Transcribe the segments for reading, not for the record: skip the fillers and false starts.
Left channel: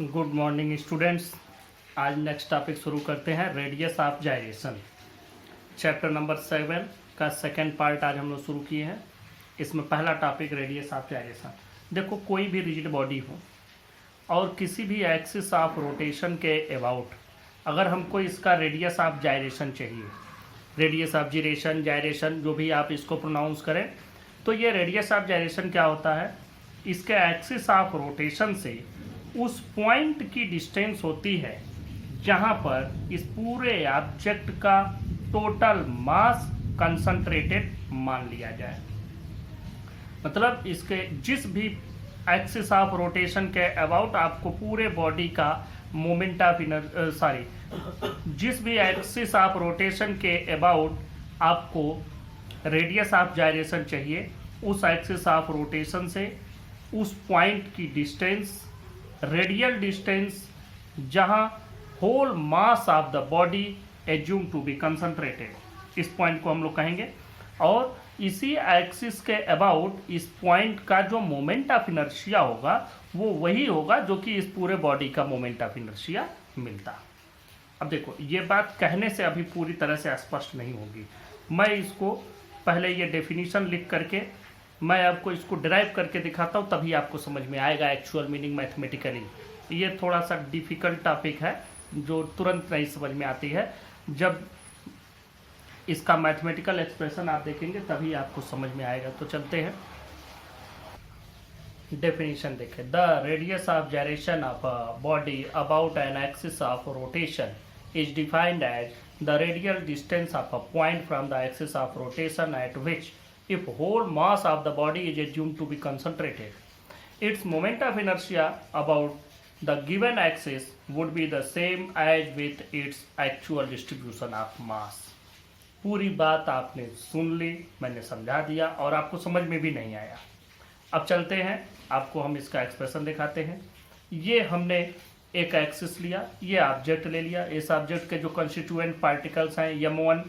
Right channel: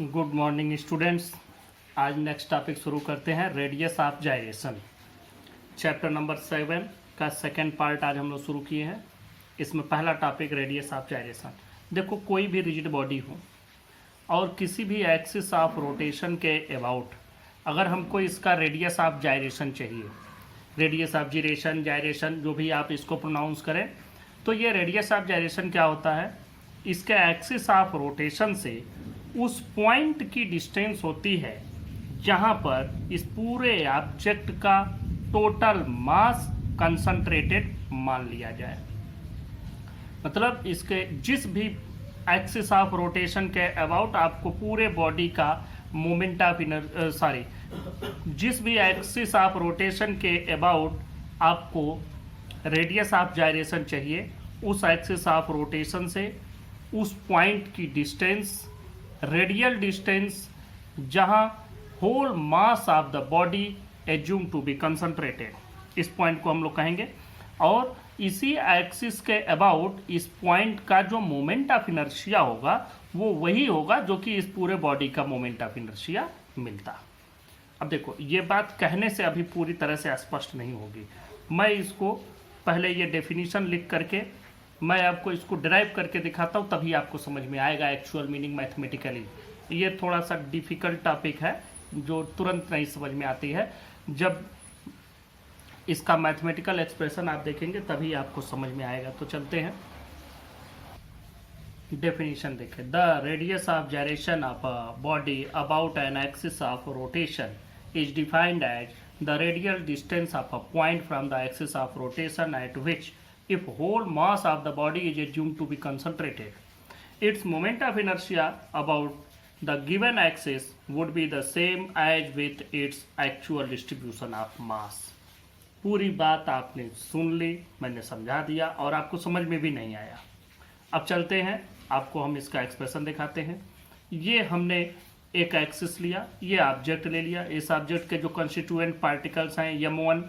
Good morning students. आज next topic शुरू करते हैं, radius of gyration. Chapter number 7 का सेकेंड पार्ट आज हम लोग शुरू किए हैं। इसमें पहला टॉपिक रेडियस ऑफ जायरेशन। देखो, कोई भी रिजिड बॉडी हो और किसी भी एक्सिस ऑफ रोटेशन के अबाउट अगर हमको इसका रेडियस ऑफ जायरेशन चाहिए, रेडियस ऑफ जीरेशन, जायरेशन, जो भी आप इसको प्रोनाउंस करें, तो ये रेडियस ऑफ जायरेशन क्या होता है? इसके एक्सिस ऑफ रोटेशन से उस पॉइंट की डिस्टेंस होती है जहां पर इस पूरे ऑब्जेक्ट का टोटल मास कंसंट्रेटेड मान लिया जाए। मतलब इसके जिस भी एक्सिस ऑफ रोटेशन के अबाउट आपको पूरे बॉडी का मोमेंट ऑफ जिस भी एक्सिस ऑफ रोटेशन के अबाउट आपको रेडियस ऑफ जायरेशन चाहिए, उस एक्सिस ऑफ रोटेशन से उस पॉइंट की डिस्टेंस, रेडियल डिस्टेंस, जहां whole mass of the body assume to be concentrated, इस पॉइंट को हम लोग कहेंगे। और इसी एक्सिस के अबाउट इस पॉइंट का जो मोमेंट ऑफ इनर्शिया होगा वो वही होगा जो कि इस पूरे बॉडी का मोमेंट ऑफ इनर्शिया मिलता। अब देखो, ये बात कहने से अभी पूरी तरह से स्पष्ट नहीं होगी। मैं इसको पहले ये डेफिनेशन लिख करके मैं आपको इसको डिराइव करके दिखाता हूँ, तभी आपको समझ में आएगा एक्चुअल मीनिंग मैथमेटिकली। ये थोड़ा सा डिफिकल्ट टॉपिक है जो तुरंत नहीं समझ में आती है। जब इसका मैथमेटिकल एक्सप्रेशन आप देखेंगे तभी आपको समझ में आएगा। तो चलते हैं, डेफिनेशन देखें। The radius of gyration of a body about an axis of rotation is defined as the radial distance of a point from the axis of rotation at which, if whole mass of the body is assumed to be concentrated, its moment of inertia about the given axis would be the same as with its actual distribution of mass. पूरी बात आपने सुन ली, मैंने समझा दिया और आपको समझ में भी नहीं आया। अब चलते हैं, आपको हम इसका एक्सप्रेशन दिखाते हैं। ये हमने एक एक्सिस लिया, ये ऑब्जेक्ट ले लिया। इस ऑब्जेक्ट के जो कंस्टिट्यूएंट पार्टिकल्स हैं, m1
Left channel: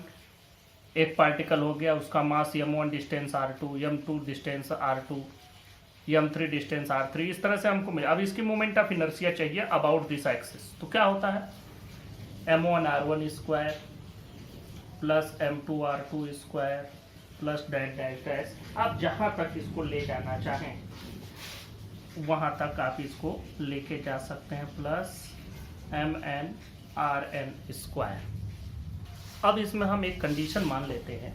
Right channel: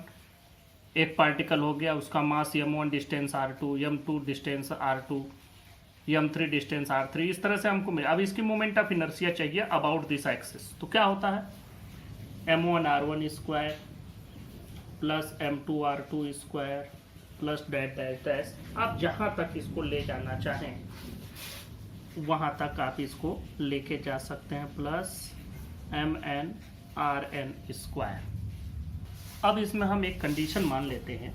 एक पार्टिकल हो गया, उसका मास m1, distance r2, m2 distance r2, m3 distance r3, इस तरह से हमको मिला। अब इसकी मोमेंट ऑफ इनर्शिया चाहिए अबाउट दिस एक्सिस, तो क्या होता है? m1 r1 square plus m2 r2 square plus dash dash dash. आप जहां तक इसको ले जाना चाहें वहां तक आप इसको लेके जा सकते हैं, प्लस mn rn स्क्वायर। अब इसमें हम एक कंडीशन मान लेते हैं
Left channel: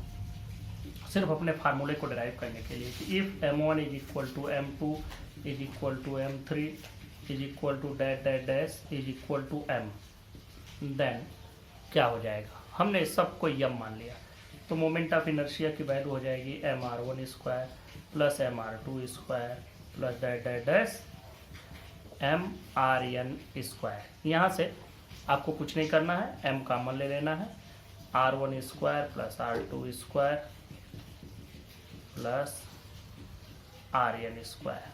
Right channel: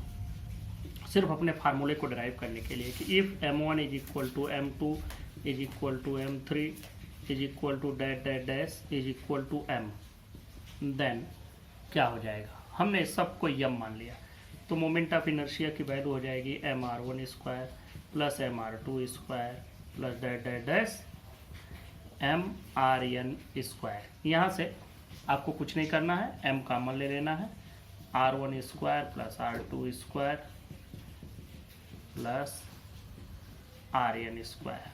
सिर्फ अपने फार्मूले को डिराइव करने के लिए कि if m1 is equal to m2 is equal to m3 is equal to dash dash dash is equal to m, then क्या हो जाएगा? हमने सबको m मान लिया, तो मोमेंट ऑफ इनर्शिया की वैल्यू हो जाएगी mr1 square plus mr2 square plus dash dash dash mrn square. यहाँ से आपको कुछ नहीं करना है, m कॉमन ले लेना है, r1 square plus r2 square plus rn square.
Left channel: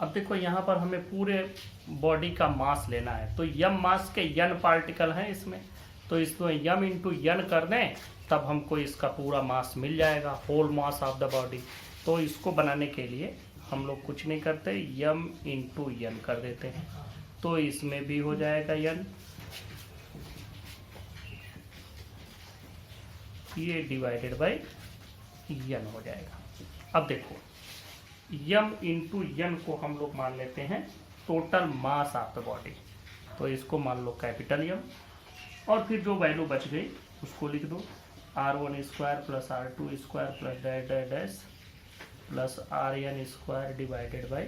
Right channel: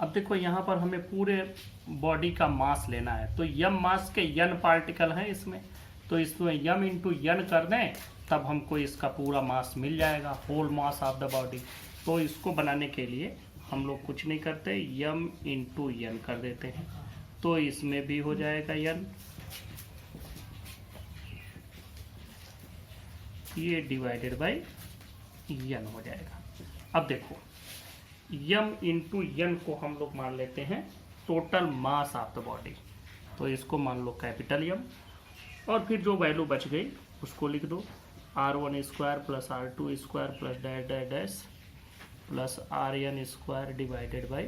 अब देखो, यहाँ पर हमें पूरे बॉडी का मास लेना है, तो m मास के n पार्टिकल हैं इसमें, तो इसमें m इंटू n कर दें तब हमको इसका पूरा मास मिल जाएगा, whole mass of the body. तो इसको बनाने के लिए हम लोग कुछ नहीं करते, m इंटू n कर देते हैं, तो इसमें भी हो जाएगा n, ये डिवाइडेड बाई n हो जाएगा। अब देखो, m इंटू n को हम लोग मान लेते हैं total mass of the body, तो इसको मान लो कैपिटल M, और फिर जो वैल्यू बच गई उसको लिख दो, r1 square plus r2 square plus dash dash dash plus rn square divided by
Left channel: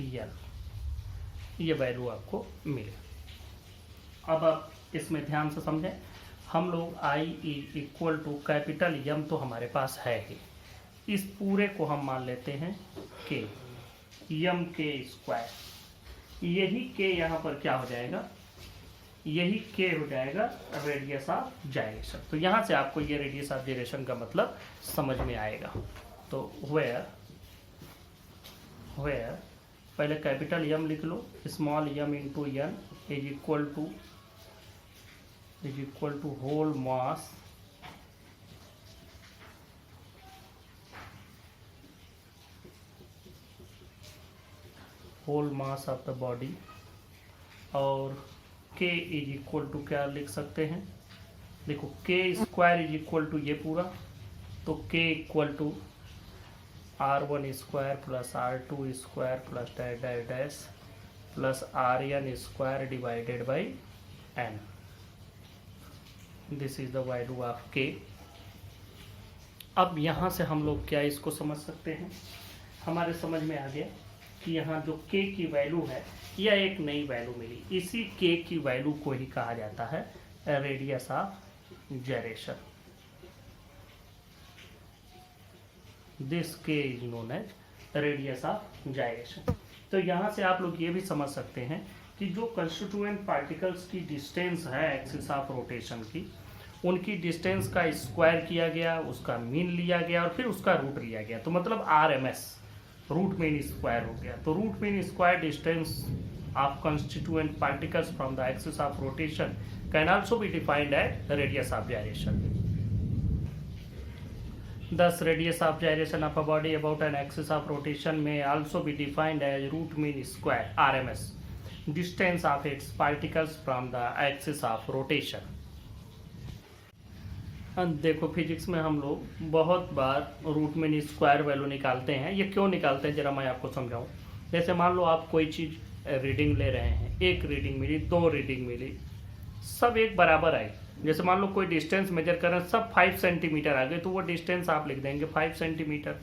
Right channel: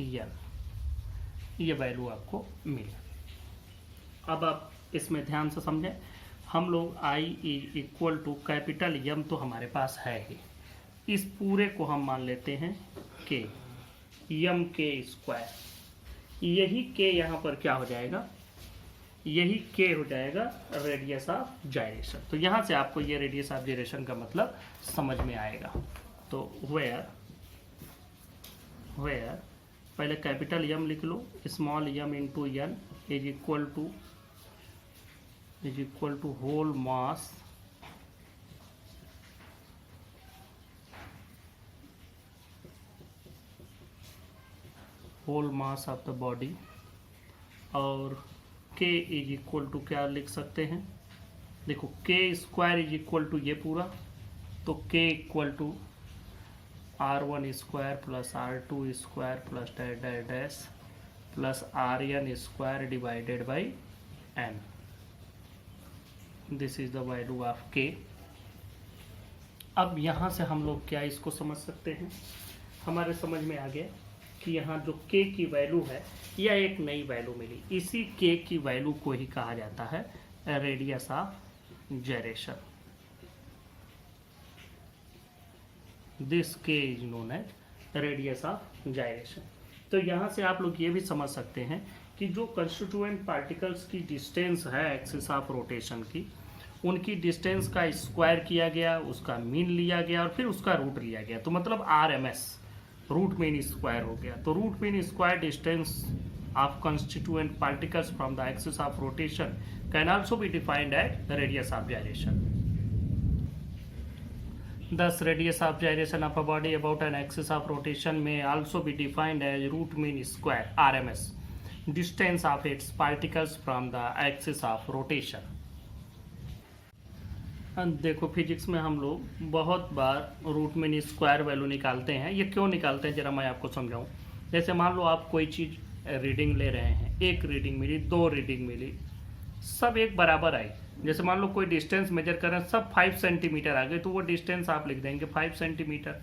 n। ये वैल्यू आपको मिले। अब आप इसमें ध्यान से समझें, हम लोग I equal to capital M तो हमारे पास है ही, इस पूरे को हम मान लेते हैं K, m k स्क्वायर। यही K यहाँ पर क्या हो जाएगा? यही K हो जाएगा रेडियस ऑफ जायरेशन। तो यहाँ से आपको ये रेडियस ऑफ जायरेशन का मतलब समझ में आएगा। तो वेयर पहले कैपिटल M लिख लो, small m into n is equal to whole mass whole mass of the body, और k इज इक्वल टू क्या लिख सकते हैं, देखो k square is equal to ये पूरा, तो k equal to r1 square plus r2 square plus dash dash dash plus rn square divided by n। This is the value of k। अब यहाँ से हम लोग क्या इसको समझ सकते हैं, हमारे समझ में आ गया कि यहाँ जो k की वैल्यू है यह एक नई वैल्यू मिली, इसी k की वैल्यू को ही कहा जाता है radius of gyration। This k is known as radius of gyration। तो यहाँ से आप लोग ये भी समझ सकते हैं कि जो कंस्टिट्यूएंट पार्टिकल्स की डिस्टेंस है एक्सिस ऑफ रोटेशन की, उनकी डिस्टेंस का स्क्वायर किया गया, उसका मीन लिया गया और फिर उसका रूट लिया गया, तो मतलब RMS रूट मीन स्क्वायर हो गया। तो root mean square distance of constituent particles from the axis of rotation can also be defined as radius of gyration। Thus, radius of gyration of a body about an axis of rotation may also be defined as root mean square (RMS) distance of its particles from the axis of rotation। देखो physics में हम लोग बहुत बार root mean square value निकालते हैं। ये क्यों निकालते हैं जरा मैं आपको समझाऊं। जैसे मान लो आप कोई चीज़ रीडिंग ले रहे हैं, एक रीडिंग मिली, दो रीडिंग मिली, सब एक बराबर आए। जैसे मान लो कोई डिस्टेंस मेजर कर रहे हैं, सब 5 सेंटीमीटर आ गए, तो वो डिस्टेंस आप लिख देंगे 5 सेंटीमीटर।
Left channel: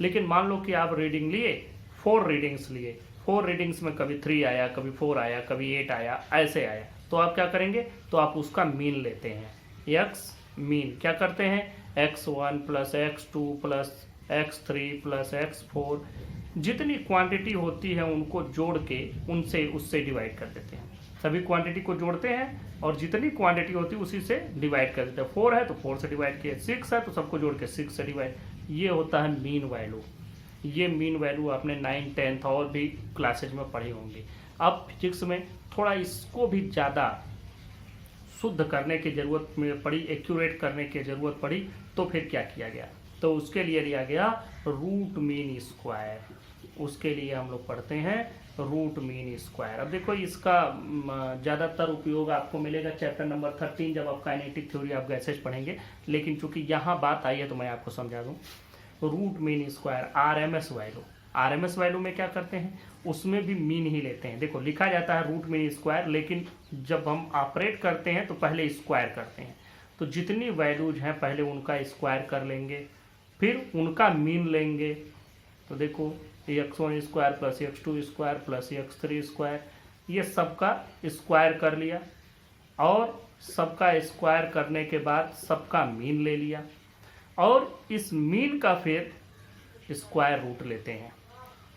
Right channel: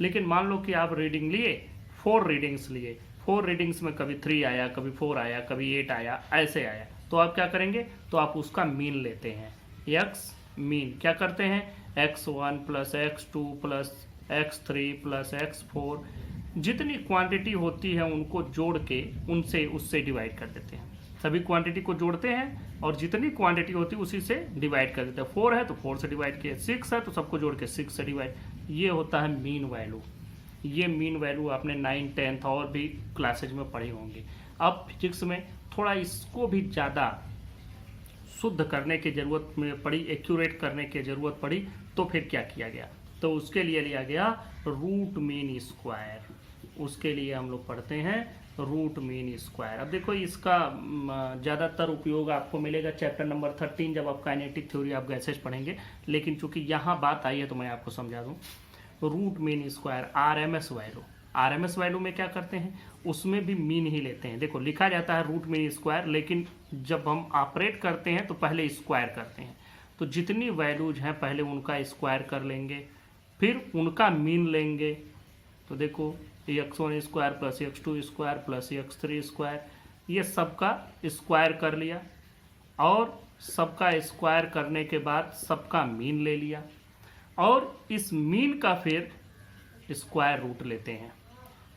लेकिन मान लो कि आप रीडिंग लिए, 4 रीडिंग्स लिए, 4 रीडिंग्स में कभी 3 आया, कभी 4 आया, कभी 8 आया, ऐसे आया, तो आप क्या करेंगे, तो आप उसका मीन लेते हैं, एक्स मीन। क्या करते हैं, x1 plus x2 plus x3 plus x4, जितनी क्वांटिटी होती है उनको जोड़ के उनसे उससे डिवाइड कर देते हैं। सभी क्वांटिटी को जोड़ते हैं और जितनी क्वांटिटी होती है उसी से डिवाइड कर देते हैं। 4 है तो 4 से डिवाइड किया, 6 है तो सबको जोड़ के 6 से डिवाइड। ये होता है मीन वैल्यू। ये मीन वैल्यू आपने 9, 10th और भी क्लासेज में पढ़ी होंगी। अब फिजिक्स में थोड़ा इसको भी ज़्यादा शुद्ध करने की जरूरत में पड़ी, एक्यूरेट करने की जरूरत पड़ी, तो फिर क्या किया गया, तो उसके लिए लिया गया रूट मीन स्क्वायर। उसके लिए हम लोग पढ़ते हैं रूट मीन स्क्वायर। अब देखो इसका ज़्यादातर उपयोग आपको मिलेगा चैप्टर नंबर 13 जब आप काइनेटिक थ्योरी ऑफ गैसेज पढ़ेंगे, लेकिन चूंकि यहाँ बात आई है तो मैं आपको समझा दूँ। Root mean square RMS value, RMS value में क्या करते हैं, उसमें भी मीन ही लेते हैं। देखो लिखा जाता है रूट मीन स्क्वायर, लेकिन जब हम ऑपरेट करते हैं तो पहले स्क्वायर करते हैं। तो जितनी वैल्यूज हैं पहले उनका स्क्वायर कर लेंगे, फिर उनका मीन लेंगे। तो देखो x1 square plus x2 square plus x3 square, ये सबका स्क्वायर कर लिया और सबका स्क्वायर करने के बाद सबका मीन ले लिया और इस मीन का फिर स्क्वायर रूट लेते हैं,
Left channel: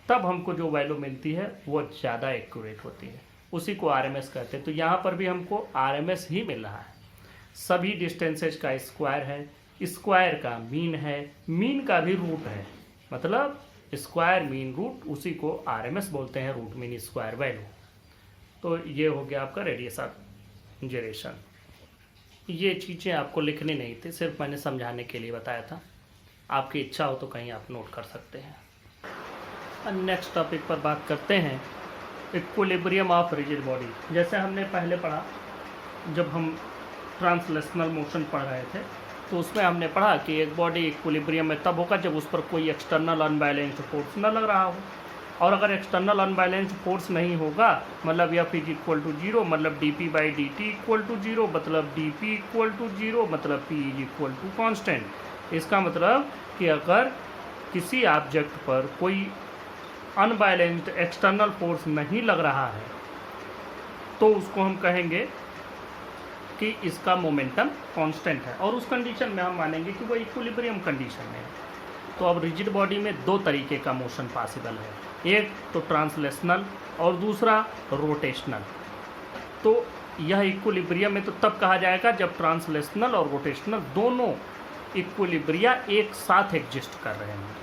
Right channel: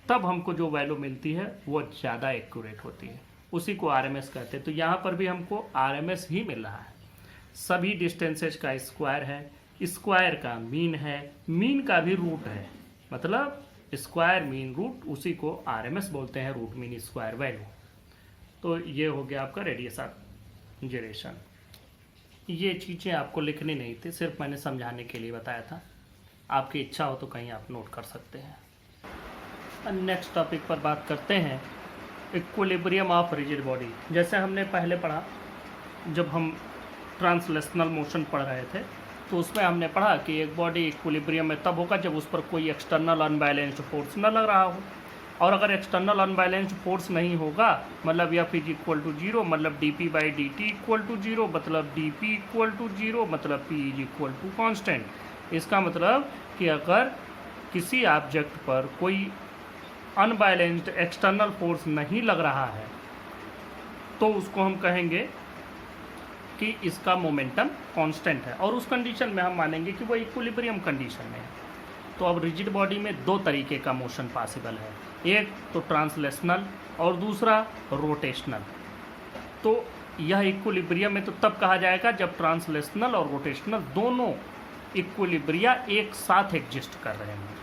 तब हमको जो वैल्यू मिलती है वो ज़्यादा एक्यूरेट होती है, उसी को RMS कहते हैं। तो यहाँ पर भी हमको RMS ही मिल रहा है। सभी डिस्टेंसेज का स्क्वायर है, स्क्वायर का मीन है, मीन का भी रूट है, मतलब स्क्वायर मीन रूट, उसी को RMS बोलते हैं, रूट मीन स्क्वायर वैल्यू। तो ये हो गया आपका रेडियस ऑफ gyration। ये चीज़ें आपको लिखनी नहीं थी, सिर्फ मैंने समझाने के लिए बताया था। आपकी इच्छा हो तो कहीं आप नोट कर सकते हैं। नेक्स्ट टॉपिक पर बात करते हैं इक्विलिब्रियम ऑफ रिजिड बॉडी। जैसे हमने पहले पढ़ा, जब हम ट्रांसलेशनल मोशन पढ़ रहे थे तो उसमें हमने पढ़ा कि एक बॉडी इक्विलिब्रियम में तब होगा जब उस पर कोई एक्सटर्नल अनबैलेंस्ड फोर्स न लग रहा हो, और अगर एक्सटर्नल अनबैलेंस्ड फोर्स नहीं होगा मतलब F इज इक्वल टू 0, मतलब dp by dt equal to 0, मतलब dp इक्वल टू 0, मतलब p is equal to constant. इसका मतलब कि अगर किसी ऑब्जेक्ट पर कोई अनबैलेंस्ड एक्सटर्नल फोर्स नहीं लग रहा है तो उसको हम कहेंगे कि इसका मोमेंटम कांस्टेंट है, और उस कंडीशन में हम मानेंगे कि वो इक्विलिब्रियम कंडीशन है। तो अब रिजिड बॉडी में दो तरीके का मोशन पॉसिबल है, एक तो ट्रांसलेशनल और दूसरा रोटेशनल। तो यह इक्विलिब्रियम में तो तब कहा जाएगा जब ट्रांसलेशनल और रोटेशनल दोनों इक्विलिब्रिया एक साथ एग्जिस्ट कर रहे हैं।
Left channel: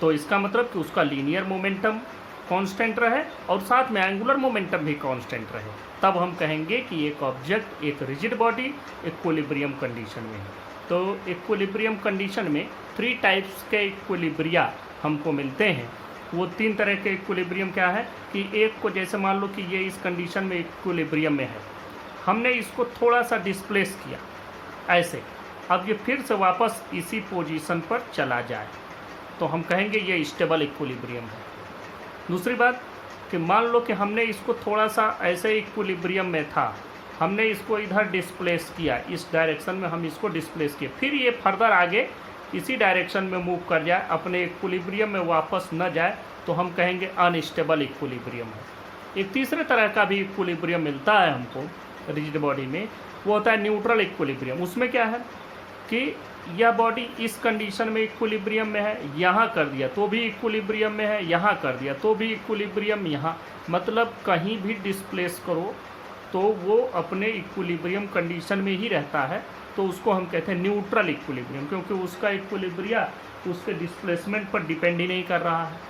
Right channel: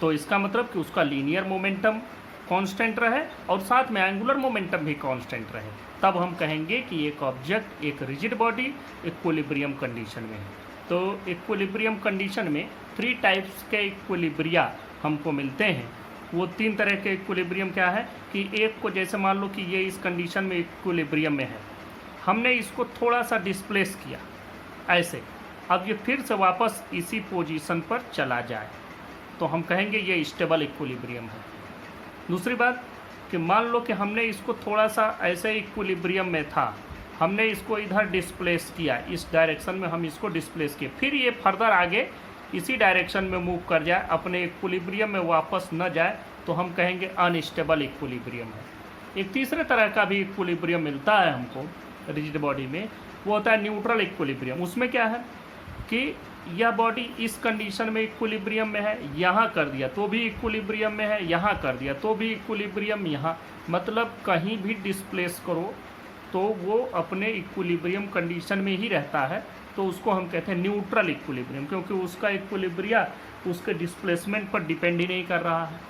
तो इसका मतलब कि उसका लीनियर मोमेंटम कांस्टेंट रहे और साथ में एंगुलर मोमेंटम भी कांस्टेंट रहे, तब हम कहेंगे कि एक ऑब्जेक्ट, एक रिजिड बॉडी इक्विलिब्रियम कंडीशन में है। तो इक्विलिब्रियम कंडीशन में 3 टाइप्स के इक्विलिब्रिया हमको मिलते हैं। वो 3 तरह के इक्विलिब्रियम क्या है कि एक को जैसे मान लो कि ये इस कंडीशन में इक्विलिब्रियम में है, हमने इसको थोड़ा सा डिस्प्लेस किया ऐसे, अब ये फिर से वापस इसी पोजीशन पर चला जाए तो हम कहेंगे ये स्टेबल इक्विलिब्रियम है। दूसरी बात कि मान लो कि हमने इसको थोड़ा सा ऐसे इक्विलिब्रियम में था, हमने इसको इधर डिस्प्लेस किया, इस डायरेक्शन में हम इसको डिस्प्लेस किए, फिर ये फर्दर आगे इसी डायरेक्शन में मूव कर जाए, अपने इक्विलिब्रियम में वापस न जाए, तो हम कहेंगे अनस्टेबल इक्विलिब्रियम है। एक तीसरे तरह का भी इक्विलिब्रियम मिलता है हमको रिजिड बॉडी में, वो होता है न्यूट्रल इक्विलिब्रियम। उसमें क्या है कि यह बॉडी इस कंडीशन में इक्विलिब्रियम में है, यहाँ कर दिया तो भी इक्विलिब्रियम में है, यहाँ कर दिया तो भी इक्विलिब्रियम, यहाँ मतलब कहीं भी डिस्प्लेस करो तो वो अपने इक्विलिब्रियम कंडीशन में ही रहता है, तो उसको हम कहते हैं न्यूट्रल इक्विलिब्रियम, क्योंकि उसका इक्विलिब्रिया उसके डिस्प्लेसमेंट पर डिपेंड ही नहीं कर रहा है।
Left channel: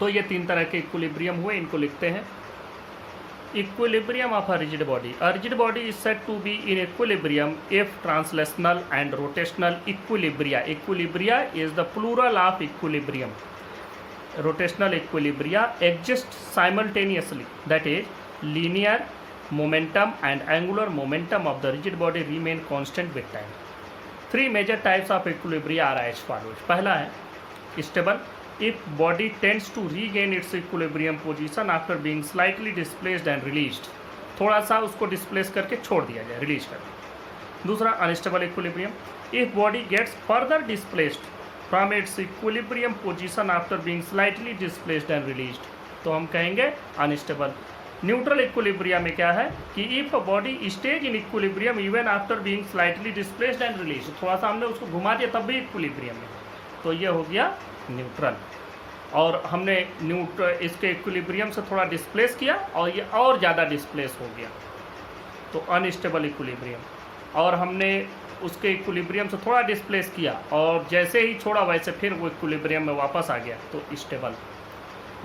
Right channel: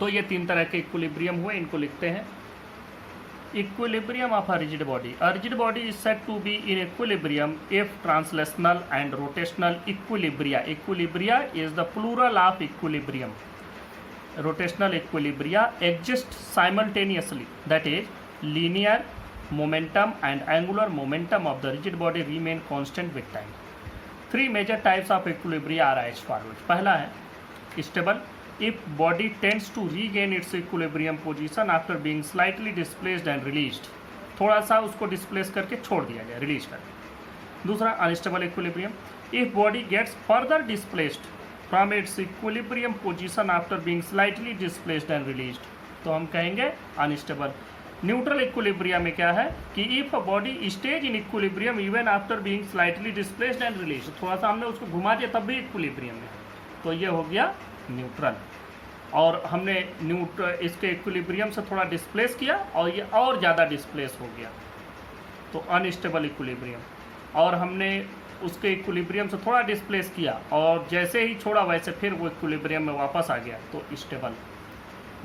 तो ये 3 तरह के इक्विलिब्रियम हुए, इनको लिखते हैं। Equilibrium of a rigid body. A rigid body is said to be in equilibrium if translational and rotational equilibria. Equilibria is the plural of equilibrium. Rotational equilibria exist simultaneously. That is, linear momentum and angular momentum of the rigid body remain constant with time. 3 major types of equilibria are as follows. पहला है stable. If body tends to regain its equilibrium position after being slightly displaced and released, थोड़ा सा उसको displace करके छोड़ दिया जाए, release कर। दूसरा unstable equilibrium, if body gets further displaced from its equilibrium position after being slightly displaced and released, तो हम कहेंगे अनस्टेबल। न्यूट्रल इक्विलिब्रियम में क्या है कि if a body stage in equilibrium even after being slightly displaced and released, थोड़ा सा हमने उसको घुमा दिया तब भी इक्विलिब्रियम में, तो ये हो गया न्यूट्रल। और हमने इसके इक्विलिब्रियम से थोड़ा डिस्प्लेस किया और ये और ज़्यादा डिस्प्लेस हो गया, तो अनस्टेबल इक्विलिब्रियम। और हमने उसके इक्विलिब्रियम से थोड़ा डिस्प्लेस किया और जैसे ही छोड़ा वैसे फिर वो इक्विलिब्रियम में वापस आ गया, तो stable.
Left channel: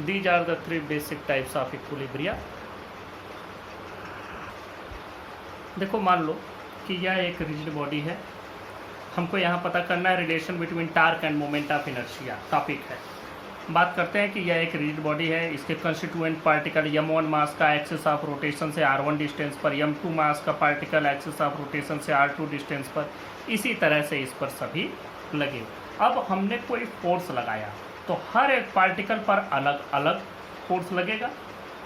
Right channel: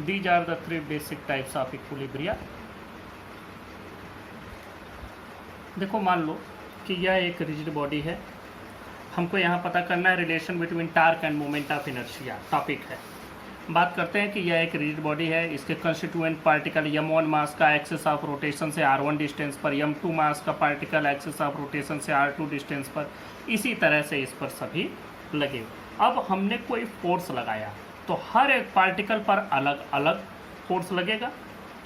These are the 3 basic types of equilibria. देखो मान लो कि यह एक रिजिड बॉडी है, हमको यहाँ पता करना है relation between torque and moment of inertia, topic है। बात करते हैं कि यह एक रिजिड बॉडी है, इसके कंस्टिट्यूएंट पार्टिकल m1 मास का एक्सिस ऑफ रोटेशन से r1 डिस्टेंस पर, m2 मास का पार्टिकल एक्सिस ऑफ रोटेशन से r2 डिस्टेंस पर, इसी तरह से इस पर सभी लगे। अब हमने कोई फोर्स लगाया तो हर एक पार्टिकल पर अलग अलग फोर्स लगेगा,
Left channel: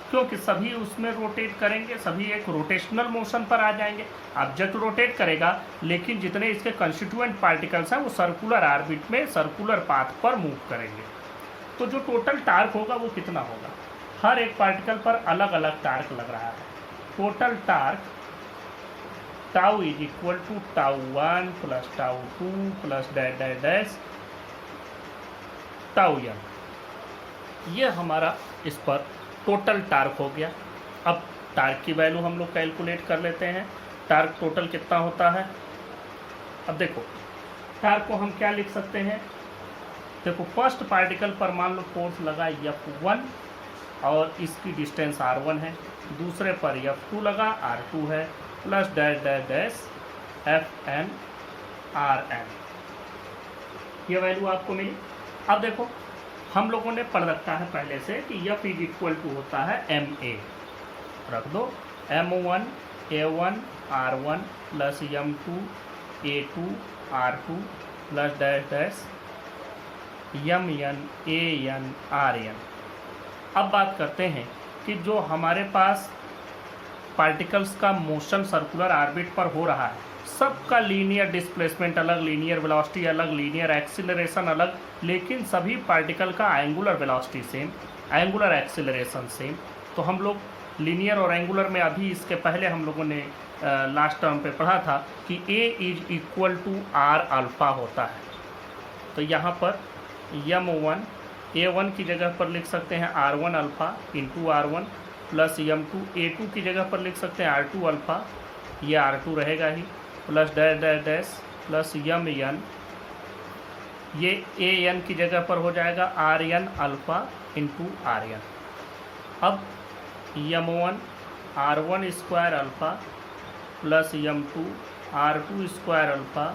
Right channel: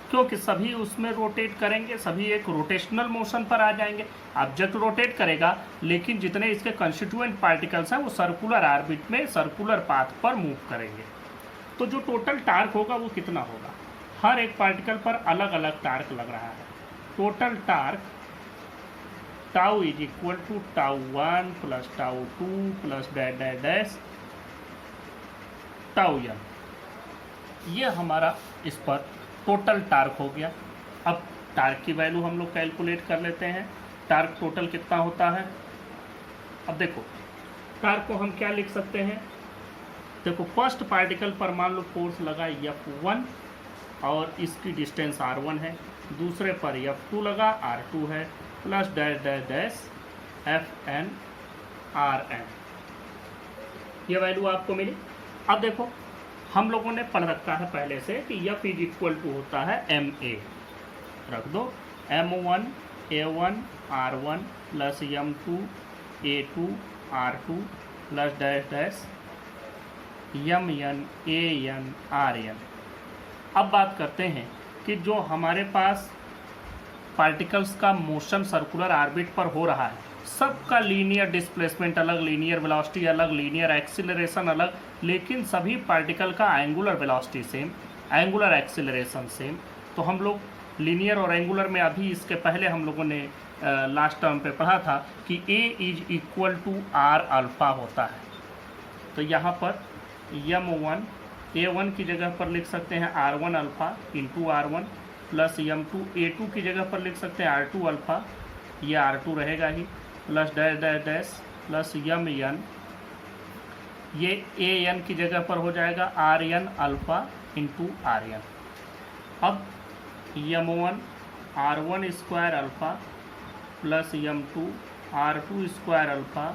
क्योंकि सभी उसमें रोटेट करेंगे, सभी एक रोटेशनल मोशन पर आ जाएंगे। ऑब्जेक्ट रोटेट करेगा लेकिन जितने इसके कंस्टिट्यूएंट पार्टिकल्स हैं वो सर्कुलर ऑर्बिट में सर्कुलर पाथ पर मूव करेंगे, तो जो टोटल टार्क होगा वो कितना होगा? हर एक पार्टिकल पर अलग अलग टार्क लग रहा है। Total torque tau is equal to tau 1 plus tau 2 plus dash dash dash tau m, ये हमारा इस पर टोटल टार्क हो गया। अब टार्क की वैल्यू हम लोग कैलकुलेट कर लेते हैं, टार्क टोटल कितना होता है। अब देखो टार्क को हम क्या लिख सकते हैं, देखो फर्स्ट पार्टिकल पर मान लो फोर्स लगा F1 और इसकी डिस्टेंस R1 है, दूसरे पर F2 लगा R2 है, plus dash dash dash Fn Rn, ये वैल्यू आपको मिली। अब देखो हम लोगों ने पढ़ रखा है पहले से कि F इज इक्वल टू होता है ma, रख दो m1 a1 r1 plus m2 a2 r2 plus dash dash mn an rn। अब बात करते हैं कि जो हमारे पास पार्टिकल्स का मोशन सर्कुलर ऑर्बिट पर हो रहा है, सबका लीनियर डिस्प्लेसमेंट अलग, लीनियर वेलोसिटी अलग, लीनियर एक्सीलरेशन अलग, लेकिन सभी पार्टिकल का angular velocity same, angular acceleration same. तो हम लोग लीनियर और एंगुलर में अभी इसके पहले हम लोगों ने लास्ट टर्म पे पढ़ा था कि a is equal to r alpha होता है। तो यहाँ पर m1 a1 की जगह पर लिख सकते हैं r1 alpha into r1 plus m2 a2 की जगह पर लिख सकते हैं r2 अल्फा, ये r2 रहेगा ही, plus dash dash dash plus mn, ये an की जगह पर हो जाएगा rn अल्फा इंटू rn। अब m1 r1 square alpha plus m2 r2 square alpha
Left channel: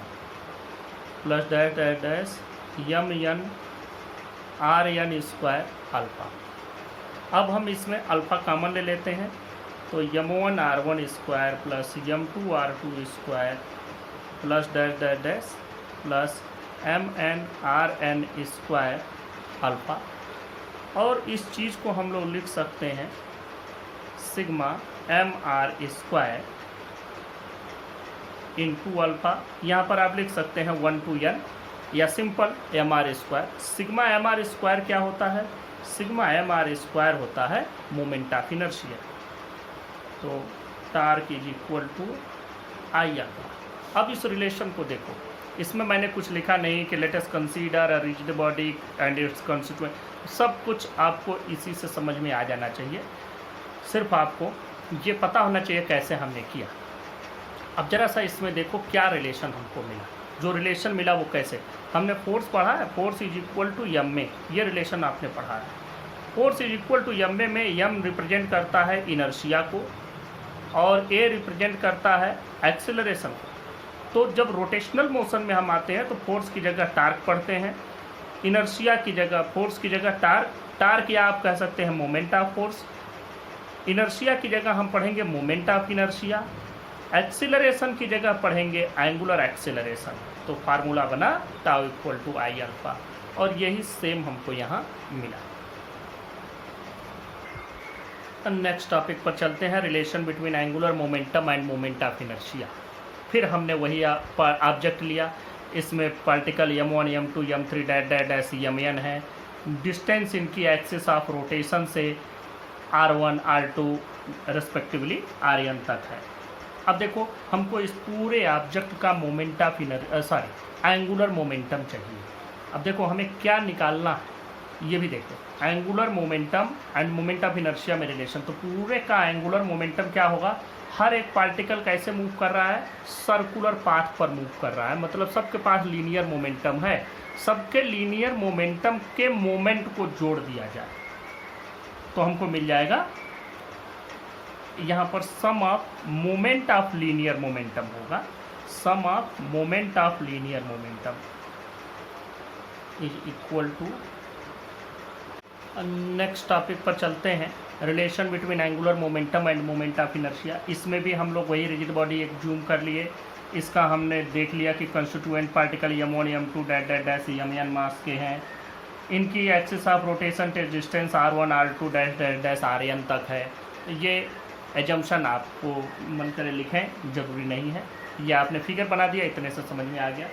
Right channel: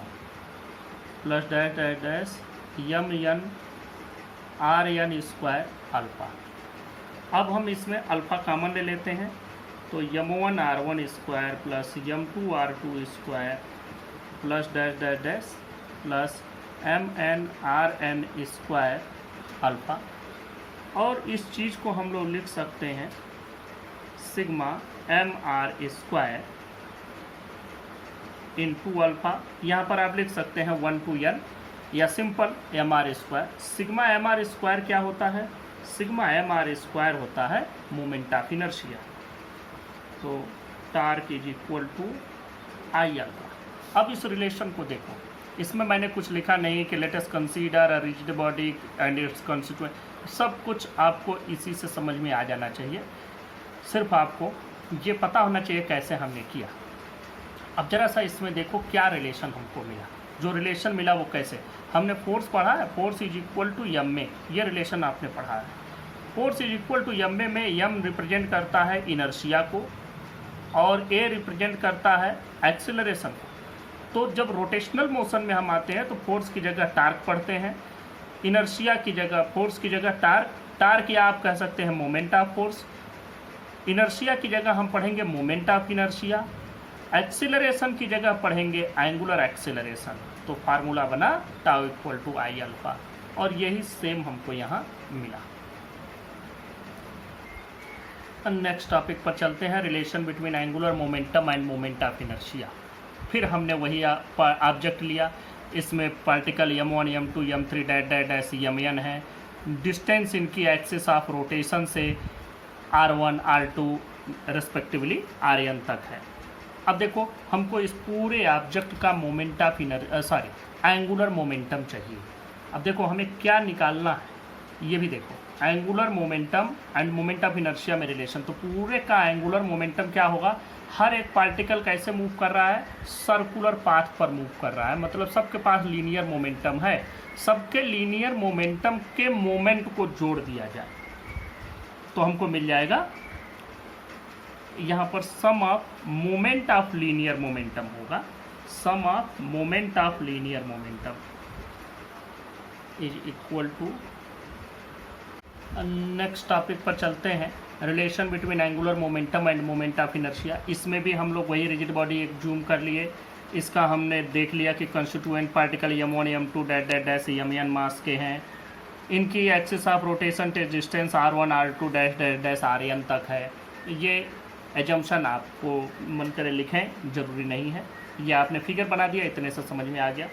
plus dash dash dash mn r n square alpha. अब हम इसमें अल्फ़ा कॉमन ले लेते हैं, तो m1r1 square plus m2r2 square plus dash dash dash plus mnrn square alpha. और इस चीज़ को हम लोग लिख सकते हैं sigma mr square into alpha. यहाँ पर आप लिख सकते हैं 1 to n या simple mr square. Sigma mr square क्या होता है? सिग्मा mr स्क्वायर होता है मोमेंट ऑफ इनर्शिया। तो torque is equal to I alpha. अब इस रिलेशन को देखो, इसमें मैंने कुछ लिखा नहीं कि let us consider a rigid body and it's constituent. सब कुछ आपको इसी से समझ में आ जाना चाहिए, सिर्फ आपको ये पता होना चाहिए कैसे हमने किया। अब जरा सा इसमें देखो क्या रिलेशन हमको मिला। जो रिलेशन मिला वो कैसे, हमने फोर्स पढ़ा है, force is equal to M में, ये रिलेशन आपने पढ़ा है। Force is equal to M में एम रिप्रेजेंट करता है इनर्शिया को और ए रिप्रेजेंट करता है एक्सेलरेशन को। तो जब रोटेशनल मोशन में हम आते हैं तो फोर्स की जगह टार्क पढ़ते हैं, इनर्शिया की जगह फोर्स की जगह टार्क या आप कह सकते हैं मोमेंट ऑफ फोर्स। इनर्शिया की जगह हम पढ़ेंगे मोमेंट ऑफ इनर्शिया, एक्सीलरेशन की जगह पढ़ेंगे एंगुलर एक्सीलरेशन। तो फार्मूला बना tau equal to I alpha, और यही सेम हमको यहाँ मिला। नेक्स्ट टॉपिक पर चलते हैं, relation between angular momentum and moment of inertia. फिर हमने वही ऑब्जेक्ट लिया, इसमें particle m1 m2 m3 dash dash dash mn है। डिस्टेंस इनकी एक्सिस ऑफ रोटेशन से r1 r2 रेस्पेक्टिवली rn तक है। अब देखो हमको इस पूरे ऑब्जेक्ट का मोमेंट ऑफ एंगुलर मोमेंटम चाहिए। अब देखो हमें क्या निकालना है ये भी देखो, angular momentum and moment of inertia में रिलेशन। तो पूरे का एंगुलर मोमेंटम क्या होगा, हर एक पार्टिकल कैसे मूव कर रहा है, सर्कुलर पाथ पर मूव कर रहा है, मतलब सबके पास लीनियर मोमेंटम है। सबके लीनियर मोमेंटम के मोमेंट को जोड़ दिया जाए तो हमको मिल जाएगा यहाँ पर sum of moment of linear momentum होगा, sum of moment of linear momentum is equal to. Next topic पर चलते हैं, relation between angular momentum and moment of inertia. इसमें भी हम लोग वही रिजिड बॉडी एक जूम कर लिए, इसका हमने देख लिया कि constituent particle m1 m2 dash dash dash mn मास के हैं, इनकी axis of rotation distance r1 r2 dash dash dash rn तक है। ये एजम्पशन आपको मन करे लिखें, ज़रूरी नहीं है, ये आपने फिगर बना दिया, इतने से समझ में आ गया।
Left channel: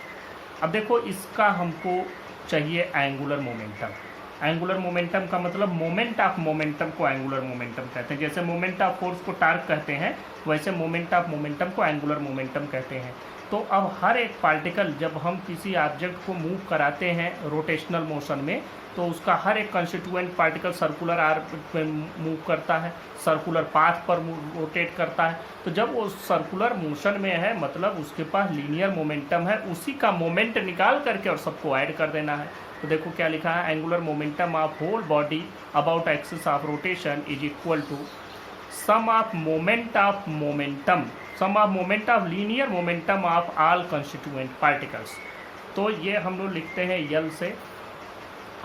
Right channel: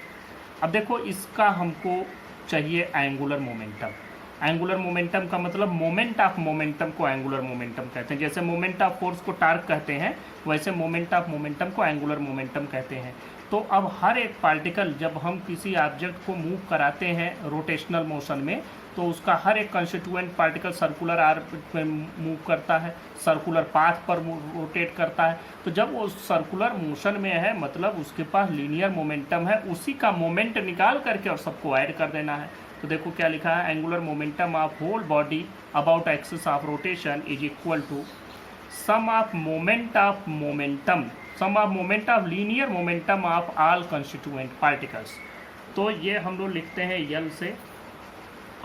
अब देखो इसका हमको चाहिए एंगुलर मोमेंटम। एंगुलर मोमेंटम का मतलब मोमेंट ऑफ मोमेंटम को एंगुलर मोमेंटम कहते हैं। जैसे मोमेंट ऑफ फोर्स को टार्क कहते हैं, वैसे मोमेंट ऑफ मोमेंटम को एंगुलर मोमेंटम कहते हैं। तो अब हर एक पार्टिकल जब हम किसी ऑब्जेक्ट को मूव कराते हैं रोटेशनल मोशन में, तो उसका हर एक कंस्टिट्यूएंट पार्टिकल सर्कुलर आर्क पर मूव करता है, सर्कुलर पाथ पर रोटेट करता है। तो जब वो सर्कुलर मोशन में है मतलब उसके पास लीनियर मोमेंटम है, उसी का मोमेंट निकाल करके और सबको ऐड कर देना है। तो देखो क्या लिखा है, angular momentum of whole body about axis of rotation is equal to sum of moment of momentum, sum of moment of linear momentum of all constituent particles. तो ये हम लोग लिखते हैं यल से।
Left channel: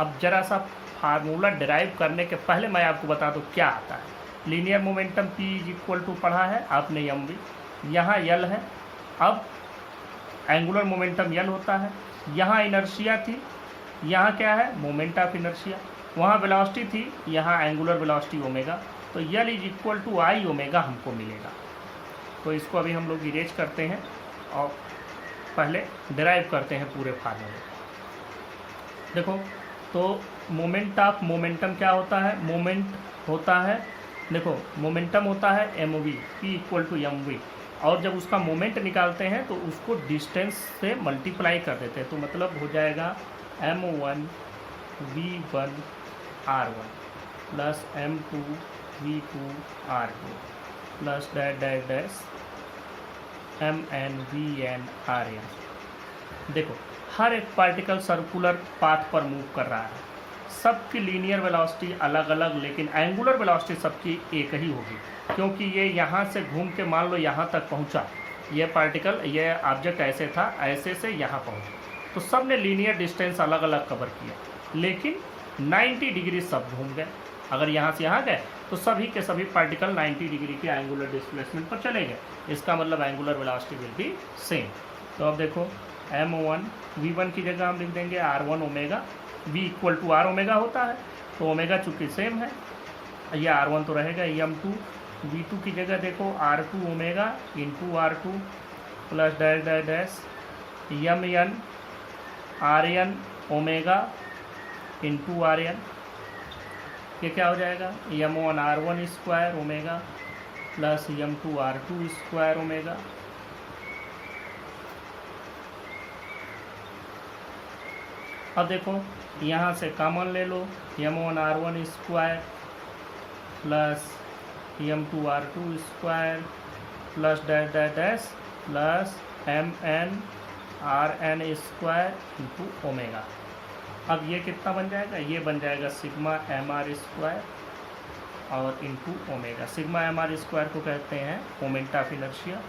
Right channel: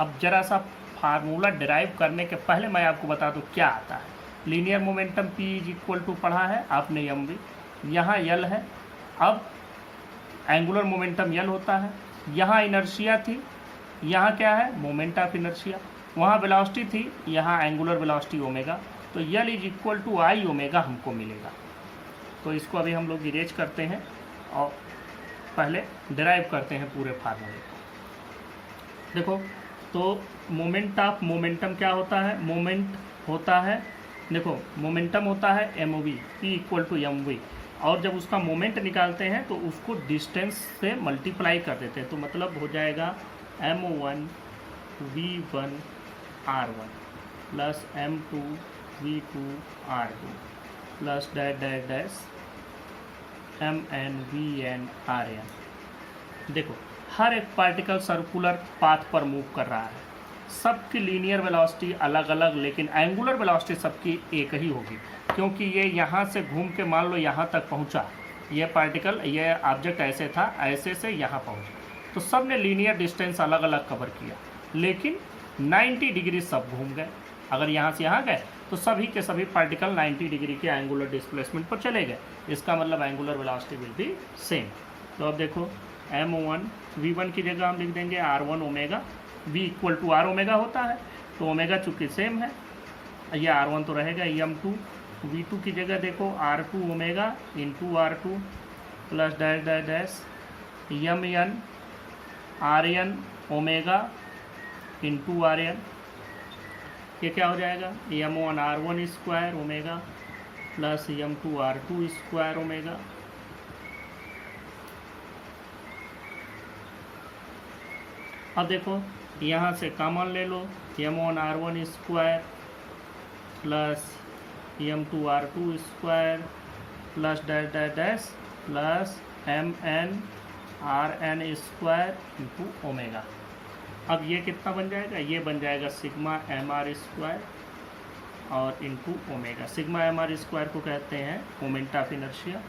अब जरा सा फार्मूला डिराइव करने के पहले मैं आपको बता दूं क्या आता है। Linear momentum P is equal to पढ़ा है आपने एम भी, यहाँ यल है। अब एंगुलर मोमेंटम यल होता है, यहाँ इनर्शिया थी, यहाँ क्या है मोमेंट ऑफ इनर्शिया, वहाँ वेलोसिटी थी, यहाँ एंगुलर वेलोसिटी ओमेगा। तो L is equal to I omega हमको मिलेगा। तो इसको अभी हम लोग इरेज करते हैं और पहले डिराइव करते हैं पूरे फार्मूले। देखो तो मोमेंट ऑफ मोमेंटम क्या होता है, मोमेंट होता है, देखो मोमेंटम होता है m v, p equal to M v, और जब उसका मोमेंट निकालते हैं तो उसको डिस्टेंस से मल्टीप्लाई कर देते हैं। तो मतलब हो जाएगा m1 v1 r1 plus m2 v2 r2 plus dash dash dash mn vn rn। देखो हर एक पार्टिकल सर्कुलर पाथ पर मूव कर रहा है, सबकी लीनियर वेलोसिटी अलग अलग, लेकिन एंगुलर वेलोसिटी सबकी एक ही होगी, क्योंकि ये यहाँ से घूम के मान लो यहाँ तक पहुँचा, ये पार्टिकल ये ऑब्जेक्ट ऐसे था, ऐसे से यहाँ पहुँचा, तो सब ने लीनियर डिस्टेंस अलग अलग कवर किया, लेकिन 90 डिग्री सब घूम गए। अगर यहाँ से यहाँ गए तो सभी के सभी पार्टिकल 90 डिग्री के एंगुलर डिस्प्लेसमेंट पर चले गए। इसका मतलब angular velocity will be same. तो अब देखो m1 v1 की जगह हम लिख देंगे r1 omega, v equal to r omega होता है, तो ओमेगा चूँकि सेम है, ये r1 तो रहेगा, m2 v2 की जगह देखो r2 omega into r2 plus dash dash dash mn rn omega into rn, ये क्या हो जाएगा m1 r1 square omega plus m2 r2 square omega. अब देखो यहाँ से कॉमन ले लो, m1 r1 square plus m2 r2 square plus dash dash dash plus mn rn square into omega. अब ये कितना बन जाएगा, ये बन जाएगा सिग्मा एम आर स्क्वायर और into omega. Sigma M R square को कहते हैं मोमेंट ऑफ इनर्शिया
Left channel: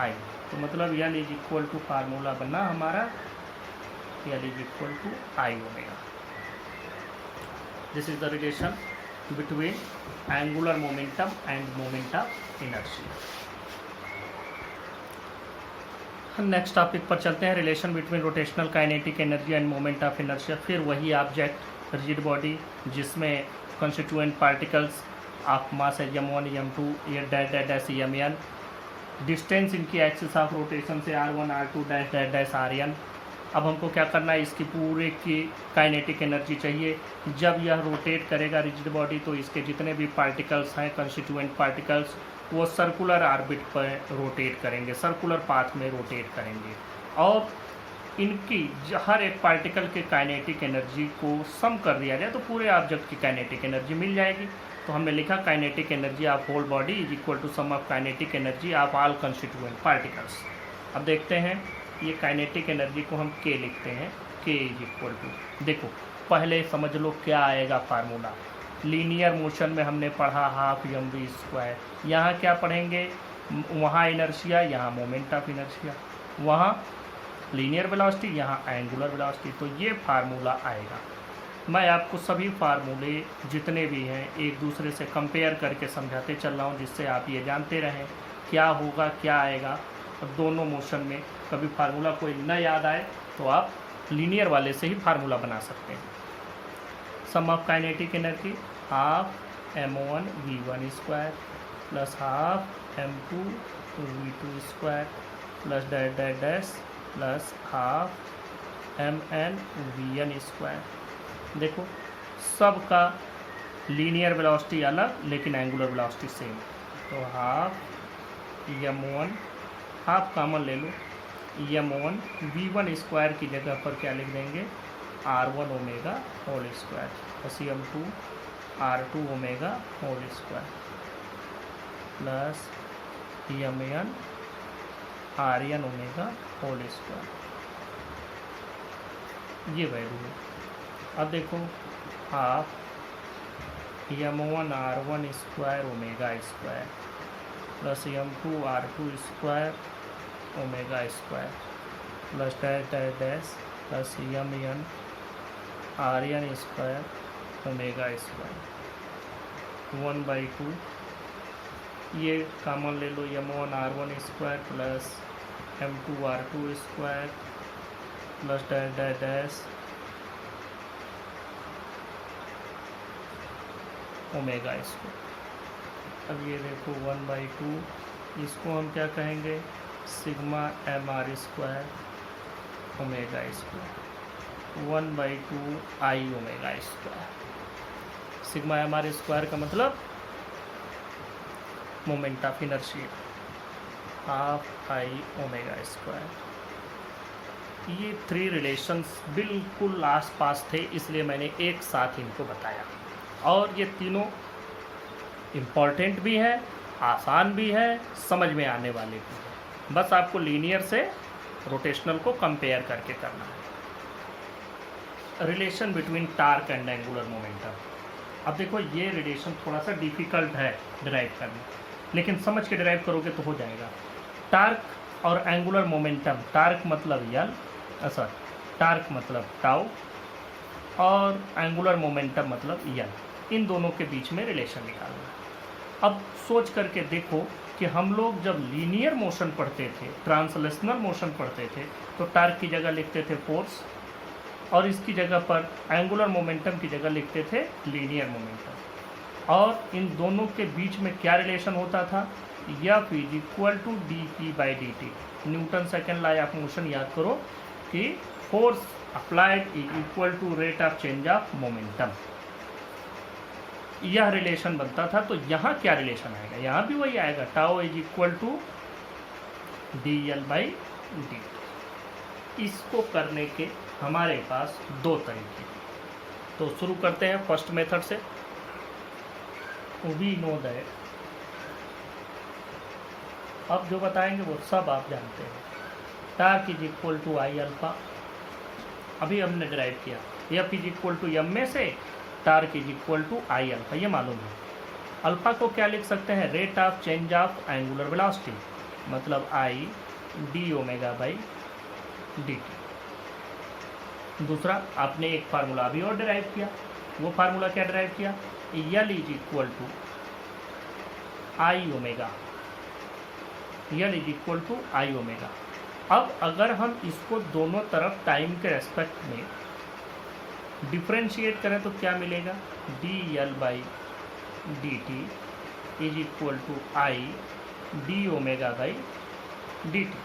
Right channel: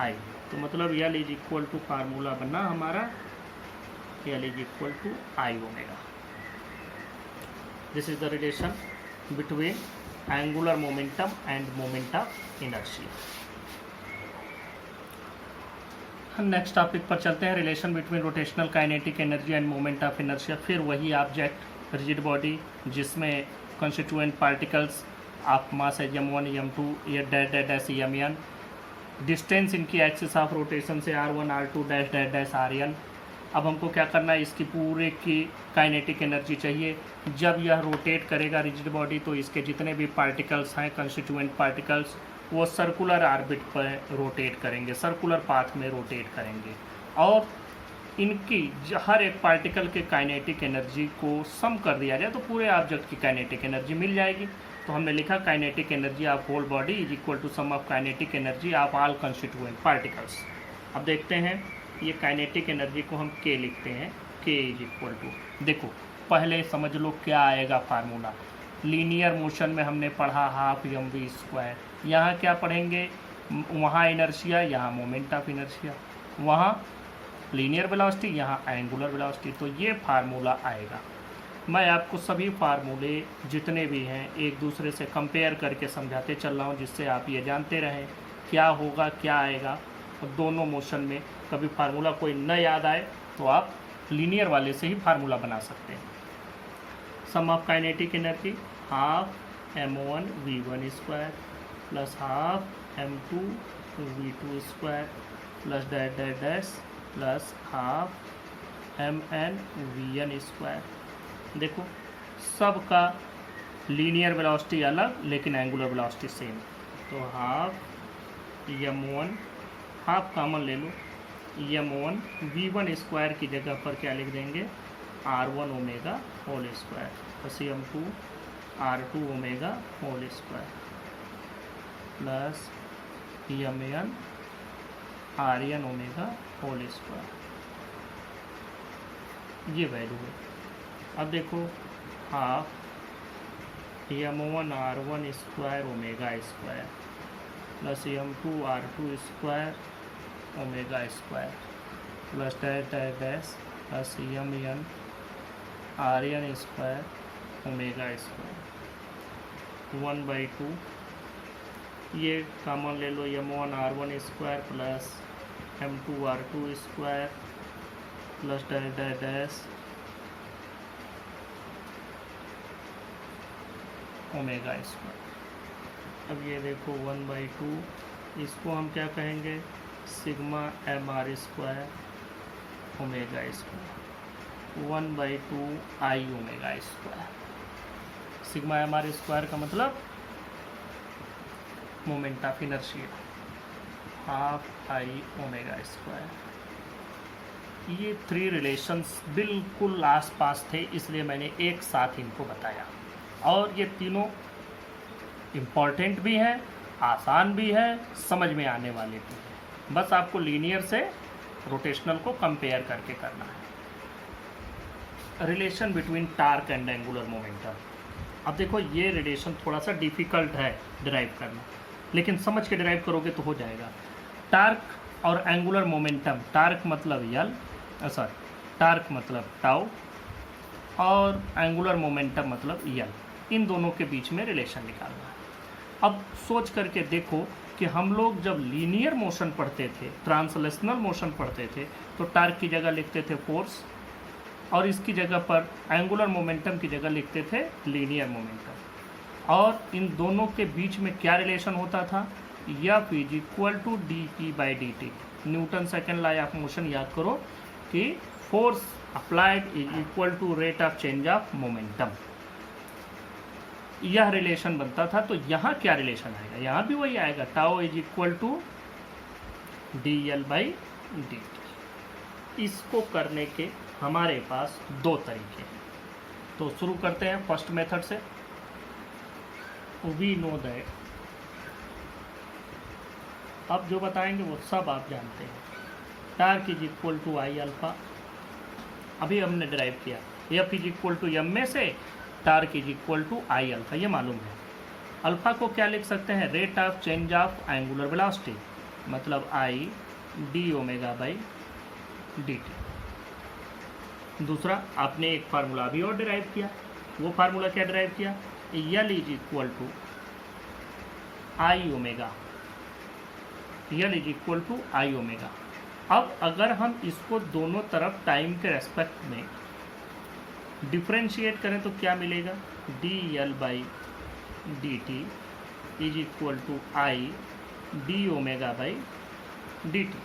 आई। तो मतलब L is equal to formula बना हमारा L is equal to I omega. This is the relation between angular momentum and moment of inertia. Next topic पर चलते हैं, relation between rotational kinetic energy and moment of inertia. फिर वही object rigid body जिसमें constituent particles of mass है m1 m2 ये dash dash dash mn, distance इनकी axis of rotation से r1 r2 dash dash dash rn। अब हमको क्या करना है, इसकी पूरे की काइनेटिक एनर्जी चाहिए। जब यह रोटेट करेगा रिजिड बॉडी तो इसके जितने भी पार्टिकल्स हैं कॉन्स्टिट्यूएंट पार्टिकल्स वो सर्कुलर ऑर्बिट पर रोटेट करेंगे, सर्कुलर पाथ में रोटेट करेंगे और इनकी हर एक पार्टिकल के काइनेटिक एनर्जी को सम कर दिया जाए तो पूरे ऑब्जेक्ट की काइनेटिक एनर्जी मिल जाएगी। तो हमने लिखा kinetic energy of whole body is equal to sum of kinetic energy of all constituent particles. अब देखते हैं ये काइनेटिक एनर्जी को हम k लिखते हैं, k इज इक्वल टू, देखो पहले समझ लो क्या आएगा फार्मूला। लीनियर मोशन में हमने पढ़ा हाफ mv स्क्वायर, यहाँ क्या पढ़ेंगे, वहाँ इनर्शिया यहाँ मोमेंट ऑफ इनर्शिया, वहाँ लीनियर वेलोसिटी यहाँ एंगुलर वेलोसिटी। तो ये फार्मूला आएगा। मैं आपको सभी फार्मूले जितने भी हैं एक दूसरे से कंपेयर करके समझाते चल रहा हूँ जिससे आप ये जानते रहें क्या होगा क्या आएगा। और दोनों मोशन में कभी फार्मूला कोई न याद आए तो आप लीनियर वाले से ही फार्मूला बना सकते हैं। Sum of kinetic energy half m1 v1 square plus half m2 v2 square plus dash dash dash plus half mn vn square. देखो सबका लीनियर वेलोसिटी अलग लेकिन एंगुलर वेलोसिटी सेम। तो हाफ m1 हाफ कॉमन ले लो, m1 v1 square की जगह पर क्या लिख देंगे r1 omega whole square plus m2 r2 omega whole square plus mn rn omega whole square, ये वैल्यू है। अब देखो half m1 r1 square omega square plus m2 r2 square omega square plus dash dash dash plus mn rn square omega square 1/2, ये common ले लो m1 r1 square plus m2 r2 square plus dash dash dash omega square. अब ये देखो 1/2, इसको हम क्या कहेंगे sigma M R square omega square 1/2 I omega square. Sigma M R square का मतलब moment of inertia half I omega square. ये थ्री रिलेशंस बिल्कुल आसपास थे इसलिए मैंने एक साथ इनको बताया और ये तीनों इम्पॉर्टेंट भी है, आसान भी है, समझ में आने वाले भी है। बस आपको लीनियर से रोटेशनल को कंपेयर करके करना है। Relation between torque and angular momentum. अब देखो ये रिलेशन थोड़ा सा डिफ़िकल्ट है डिराइव करना, लेकिन समझ के डिराइव करोगे तो हो जाएगा। टार्क और एंगुलर मोमेंटम, टार्क मतलब यल टार्क मतलब टाउ और एंगुलर मोमेंटम मतलब यल, इन दोनों के बीच में रिलेशन निकालना है। अब सोच करके देखो कि हम लोग जब लीनियर मोशन पढ़ते थे, ट्रांसलेशनल मोशन पढ़ते थे, तो टार्क की जगह लिखते थे फोर्स, और इसकी जगह पर एंगुलर मोमेंटम की जगह लिखते थे लीनियर मोमेंटम। और इन दोनों के बीच में क्या रिलेशन होता था, F is equal to dp/dt, Newton second law of motion याद करो कि force applied is equal to rate of change of momentum, यह रिलेशन बनता था। तो यहाँ क्या रिलेशन आएगा, यहाँ भी वही आएगा, tau is equal to dl/dt। इसको करने के हमारे पास दो तरीके हैं, तो शुरू करते हैं फर्स्ट मेथड से। वी नो दैट, अब जो बताएंगे वो सब आप जानते हैं। Torque is equal to I alpha, अभी हमने डिराइव किया। F is equal to M में से torque is equal to I alpha, ये मालूम है। अल्फा को क्या लिख सकते हैं, rate of change of angular velocity, मतलब I D omega by D T. दूसरा आपने एक फार्मूला अभी और डिराइव किया, वो फार्मूला क्या डिराइव किया, L is equal to I omega, L is equal to I omega. अब अगर हम इसको दोनों तरफ टाइम के रेस्पेक्ट में डिफ्रेंशिएट करें तो क्या मिलेगा, D L by D T is equal to I D omega by D T.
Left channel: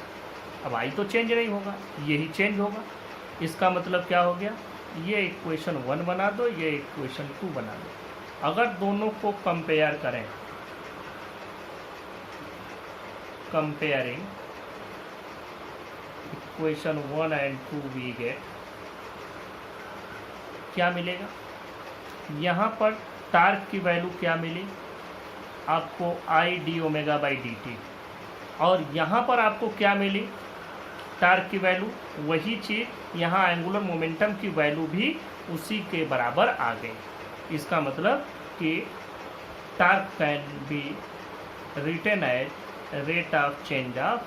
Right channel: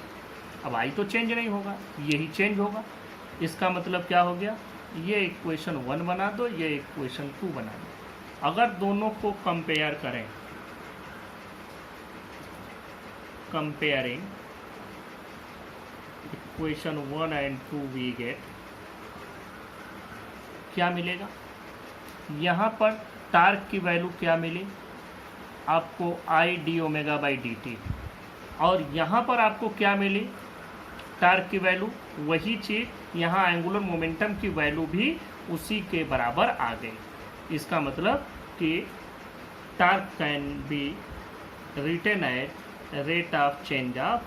अब आई तो चेंज नहीं होगा, यही चेंज होगा। इसका मतलब क्या हो गया, ये इक्वेशन 1 बना दो, ये इक्वेशन 2 बना दो। अगर दोनों को कंपेयर करें, comparing equation 1 and 2 we get, क्या मिलेगा, यहाँ पर टार्क की वैल्यू क्या मिली आपको, आई D omega by D T, और यहाँ पर आपको क्या मिली टार्क की वैल्यू, वही चीज़ यहाँ एंगुलर मोमेंटम की वैल्यू भी उसी के बराबर आ गई। इसका मतलब कि torque can be written at rate of change of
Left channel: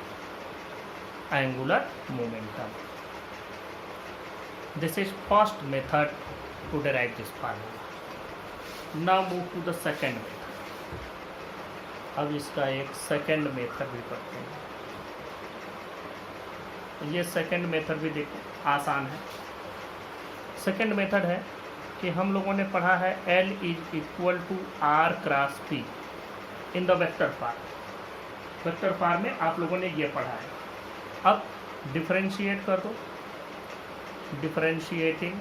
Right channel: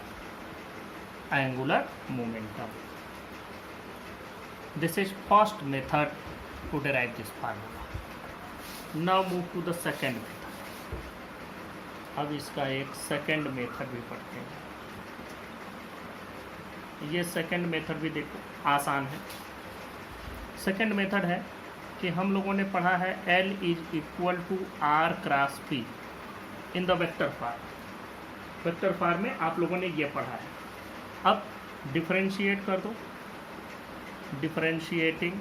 angular momentum. This is first method to derive this formula. Now move to the second method. अब इसका एक सेकेंड मेथड भी करते हैं। ये सेकेंड मेथड भी देखो आसान है। सेकेंड मेथड है कि हम लोगों ने पढ़ा है L is equal to R cross P in the vector form. Vector form में आप लोगों ने ये पढ़ा है। अब डिफरेंशिएट कर दो, differentiating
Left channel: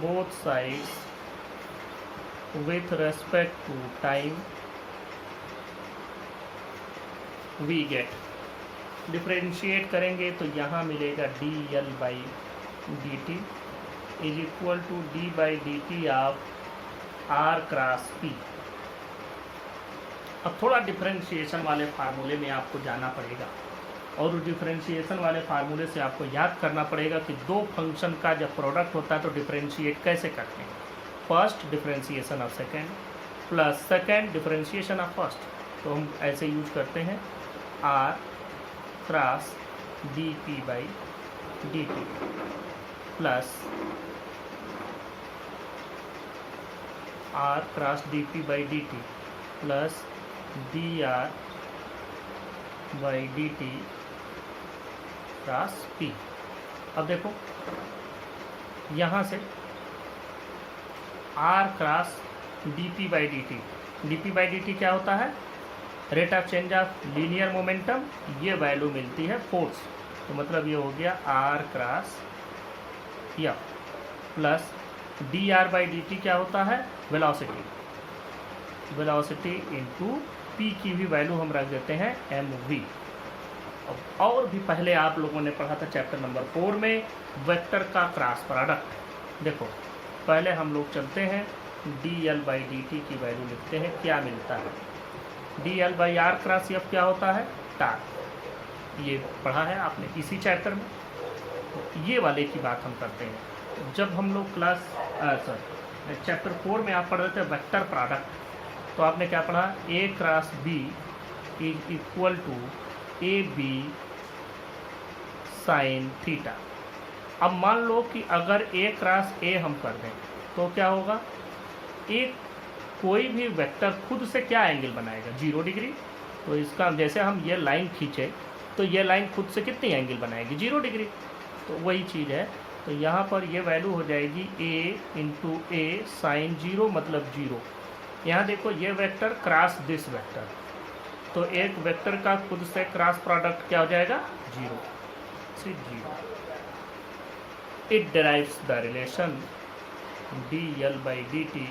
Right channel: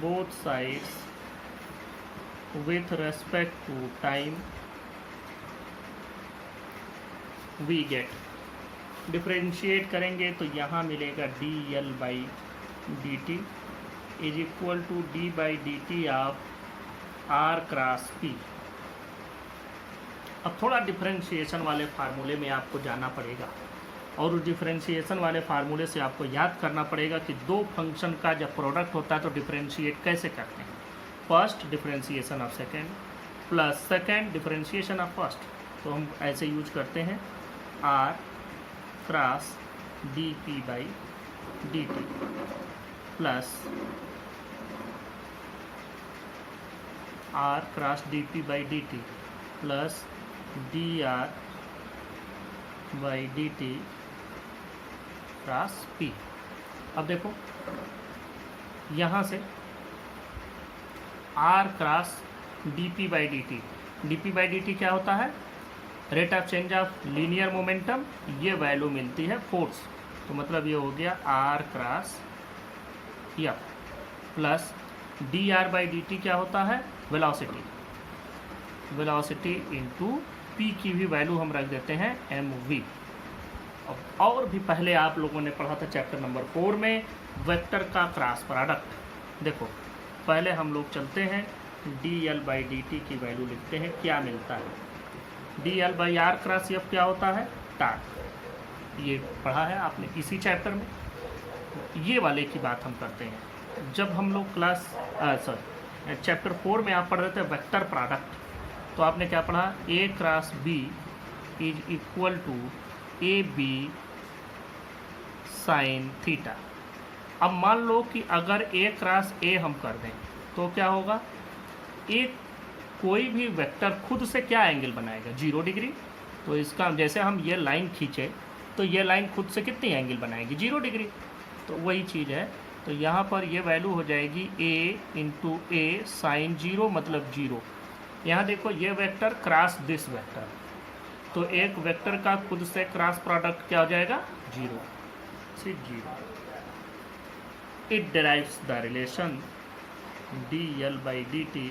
both sides with respect to time we get, differentiate करेंगे तो यहाँ मिलेगा D L by D T is equal to D by D T of R cross P. अब थोड़ा डिफ्रेंशिएशन वाले फार्मूले में आपको जाना पड़ेगा, और उस डिफरेंशिएशन वाले फार्मूले से आपको याद करना पड़ेगा कि दो फंक्शन का जब प्रोडक्ट होता है तो डिफरेंशिएट कैसे करते हैं। First differentiation of second plus second differentiation of first, तो हम ऐसे यूज करते हैं R cross D P by D T plus R cross D P by D T plus D R by D T cross P. अब देखो यहाँ से R cross D P by D T, D P by D T क्या होता है, rate of change of linear momentum, ये value मिलती है फोर्स, तो मतलब ये हो गया R cross F plus D R by D T क्या होता है, वेलोसिटी, वेलोसिटी इंटू पी की भी वैल्यू हम रख देते हैं एम वी। और भी पहले आप लोगों ने पढ़ा था चैप्टर नंबर 4 में वेक्टर का क्रॉस प्रोडक्ट। देखो पहले हम लोग चलते हैं D L by D T की वैल्यू लिखते हैं, क्या मिलता है, D L by R cross F क्या होता है, टार्क, ये पढ़ा है आपने इसी चैप्टर में। ये वाले की बात हम करते हैं जब हम लोग क्लास चैप्टर 4 में आप पढ़ रहे थे वेक्टर प्रोडक्ट, तो आपने क्या पढ़ा, A cross B is equal to A B sine theta. अब मान लो कि अगर ए क्रॉस ए हम कर दें तो क्या होगा, एक कोई भी वेक्टर खुद से क्या एंगल बनाएगा, 0 डिग्री। तो इसका जैसे हम ये लाइन खींचे तो ये लाइन खुद से कितनी एंगल बनाएगी, 0 डिग्री। तो वही चीज़ है, तो यहाँ पर ये वैल्यू हो जाएगी a इंटू ए साइन 0 मतलब 0। यहाँ देखो ये वेक्टर क्रॉस दिस वेक्टर, तो एक वेक्टर का खुद से क्रॉस प्रोडक्ट क्या हो जाएगा, 0, 0। It derives the relation dl/dt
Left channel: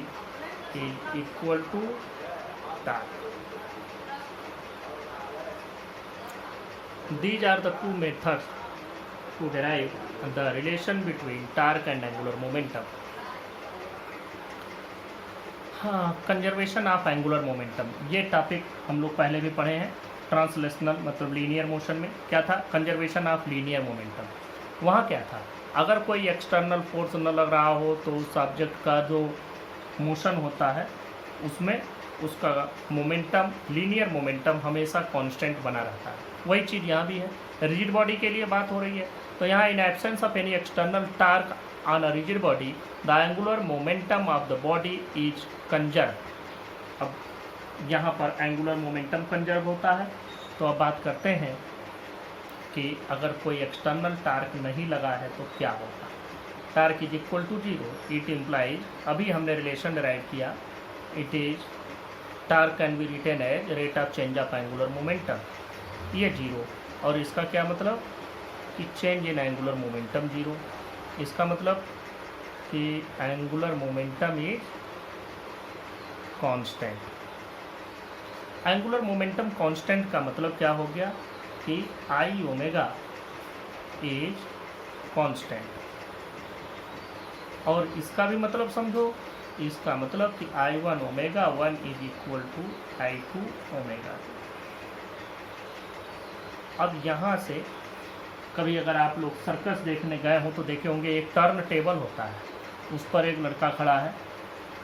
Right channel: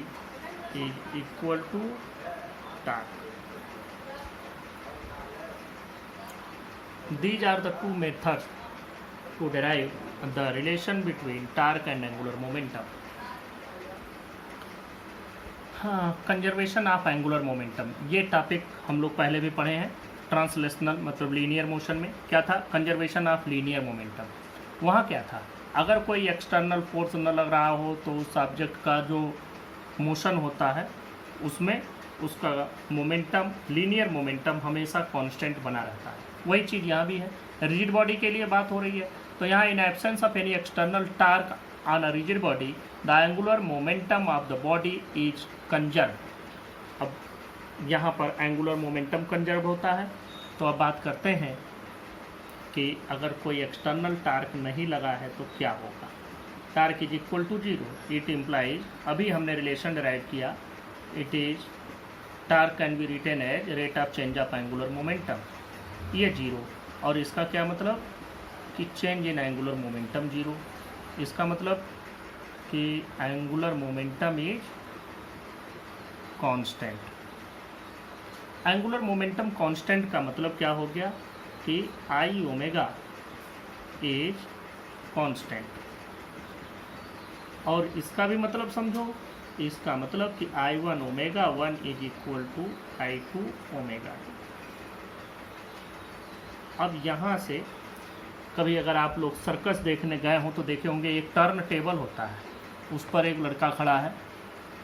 is equal to torque. These are the two methods to derive the relation between torque and angular momentum. हाँ, कंजर्वेशन ऑफ एंगुलर मोमेंटम, ये टॉपिक हम लोग पहले भी पढ़े हैं। ट्रांसलेशनल मतलब लीनियर मोशन में क्या था, कंजर्वेशन ऑफ लीनियर मोमेंटम। वहाँ क्या था, अगर कोई एक्सटर्नल फोर्स न लग रहा हो तो उस ऑब्जेक्ट का जो मोशन होता है उसमें उसका मोमेंटम, लीनियर मोमेंटम हमेशा कांस्टेंट बना रहता है। वही चीज़ यहाँ भी है, रिजिड बॉडी के लिए बात हो रही है। तो यहाँ in absence of any external torque on a rigid body the angular momentum of the body is conserve. अब यहाँ पर एंगुलर मोमेंटम कंजर्व होता है। तो अब बात करते हैं कि अगर कोई एक्सटर्नल टार्क नहीं लगा है तो क्या होगा। Torque is equal to 0, it implies, अभी हमने रिलेशन डिराइव किया, it is torque can be written as rate of change of angular momentum, ये 0। और इसका क्या मतलब कि चेंज इन एंगुलर मोमेंटम 0। इसका मतलब कि angular momentum is constant. Angular momentum constant का मतलब क्या हो गया कि आई ओमेगा इज कांस्टेंट। और इसका भी मतलब समझो, इसका मतलब कि I1 omega 1 is equal to I2 omega. अब यहाँ से कभी अगर आप लोग सर्कस देखने गए हो तो देखे होंगे एक टर्न टेबल होता है, उस पर एक लड़का खड़ा है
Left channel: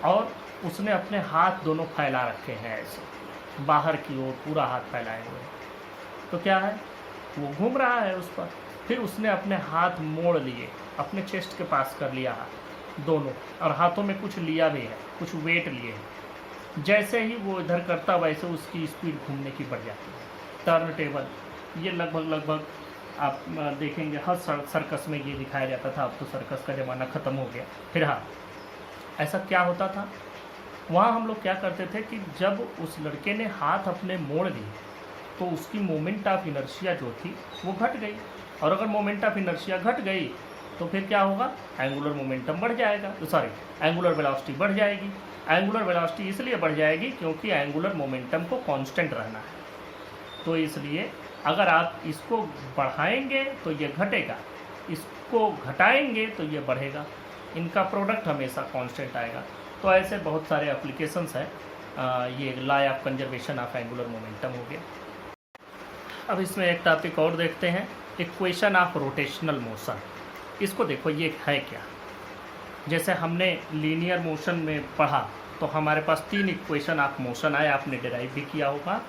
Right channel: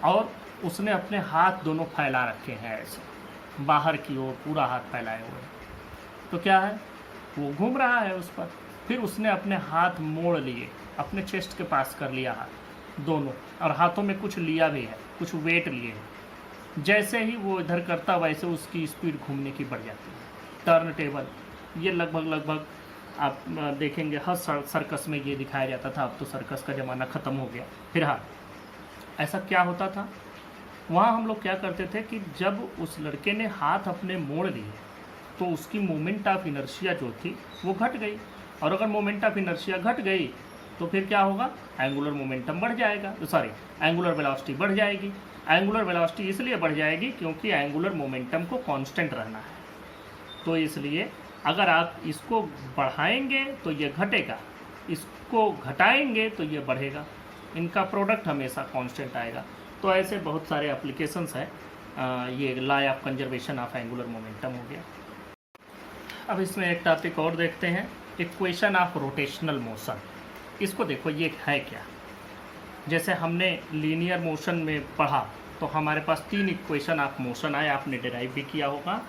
और उसने अपने हाथ दोनों फैला रखे हैं ऐसे बाहर की ओर, पूरा हाथ फैलाए हुए। तो क्या है, वो घूम रहा है उस पर। फिर उसने अपने हाथ मोड़ लिए, अपने चेस्ट के पास कर लिया हाथ दोनों, और हाथों में कुछ लिया भी है, कुछ वेट लिए है। जैसे ही वो इधर करता वैसे उसकी स्पीड घूमने की बढ़ जाती है। टर्न टेबल ये लगभग आप देखेंगे हर सर्कस में ये दिखाया जाता था। अब तो सर्कस का ज़माना ख़त्म हो गया। फिर हाँ, ऐसा क्या होता था, वहाँ हम लोग क्या करते थे कि जब उस लड़के ने हाथ अपने मोड़ लिए तो उसकी मोमेंट ऑफ इनर्शिया जो थी वो घट गई। और अगर मोमेंट ऑफ इनर्शिया घट गई तो फिर क्या होगा, एंगुलर मोमेंटम बढ़ जाएगा, एंगुलर वेलोसिटी बढ़ जाएगी। एंगुलर वेलोसिटी इसलिए बढ़ जाएगी क्योंकि एंगुलर मोमेंटम को कांस्टेंट रहना है। तो इसलिए अगर आप इसको बढ़ाएंगे तो ये घटेगा, इसको घटाएंगे तो ये बढ़ेगा, इनका प्रोडक्ट हमेशा कांस्टेंट आएगा। तो ऐसे बहुत सारे एप्लीकेशंस हैं। ये law of conservation of angular momentum हो गया। अब इसमें एक टॉपिक और देखते हैं, इक्वेशन ऑफ रोटेशनल मोशन। इसको देखो ये है क्या, जैसे हमने लीनियर मोशन में पढ़ा तो हमारे पास 3 इक्वेशन ऑफ मोशन आए, आपने डिराइव भी किया होगा।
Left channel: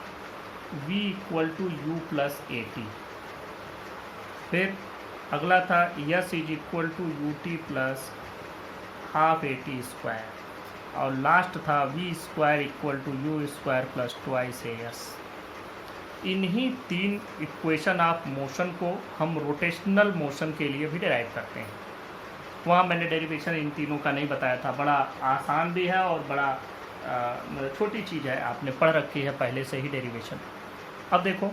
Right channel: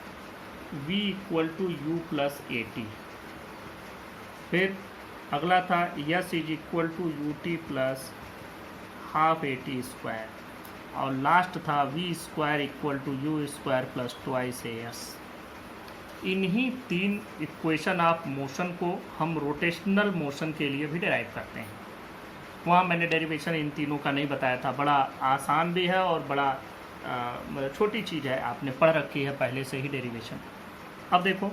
v equal to U plus A T, फिर अगला था s is equal to U T plus half A T square, और लास्ट था v square equal to U square plus twice A S. इन्हीं 3 इक्वेशन ऑफ मोशन को हम rotational motion के लिए भी डिराइव करते हैं। वहाँ मैंने डेरिवेशन इन तीनों का नहीं बताया था, बड़ा आसान भी है और बड़ा मतलब छोटी चीज़ है, आपने पढ़ रखी है पहले से ही डेरिवेशन। अब देखो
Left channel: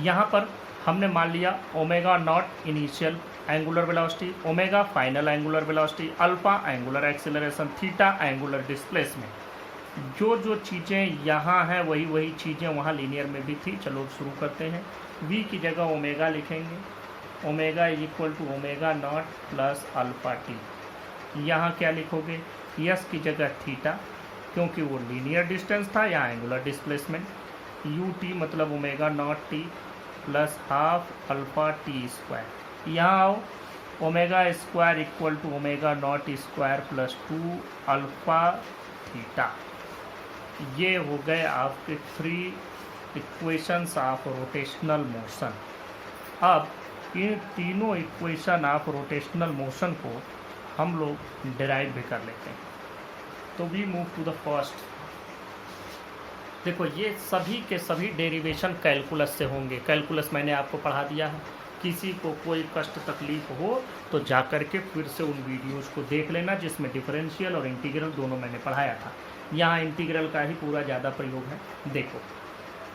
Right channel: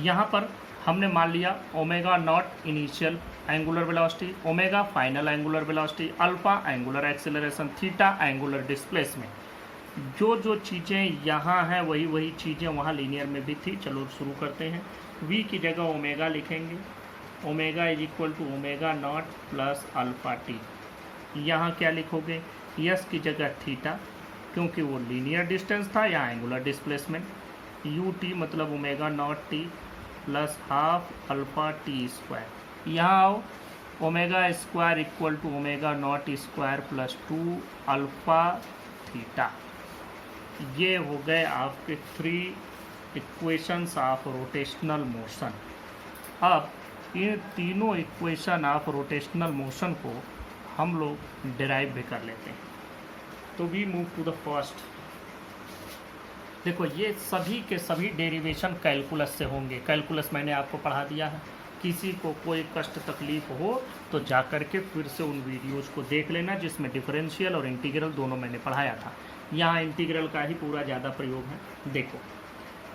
यहाँ पर हमने मान लिया omega naught initial angular velocity, omega final angular velocity, alpha angular acceleration, theta angular displacement. जो चीज़ें यहाँ हैं वही चीज़ें वहाँ लीनियर में भी थी। चलो शुरू करते हैं। v की जगह ओमेगा लिखेंगे, omega is equal to omega naught plus alpha T. यहाँ क्या लिखोगे, यस की जगह थीटा, क्योंकि वो लीनियर डिस्टेंस था, यहाँ एंगुलर डिस्प्लेसमेंट। यू टी मतलब omega naught T plus half alpha T square. यहाँ आओ, omega square equal to omega naught square plus 2 alpha theta. ये हो गए आपके 3 इक्वेशंस ऑफ रोटेशनल मोशन। अब ये तीनों इक्वेशन ऑफ रोटेशनल मोशन को हम लोग डिराइव भी कर लेते हैं। तो we move to the first. देखो ये सभी के सभी डेरिवेशन कैलकुलस से होंगे। कैलकुलस मैंने आपको पढ़ा दिया है। किसी को कोई कष्ट तकलीफ हो तो जा कर के फिर से उन वीडियोस को देख लेना जिसमें डिफरेंशियल और इंटीग्रल दोनों मैंने पढ़ाया था। यहाँ इंटीग्रल का ही पूरा ज़्यादा प्रयोग है। देखो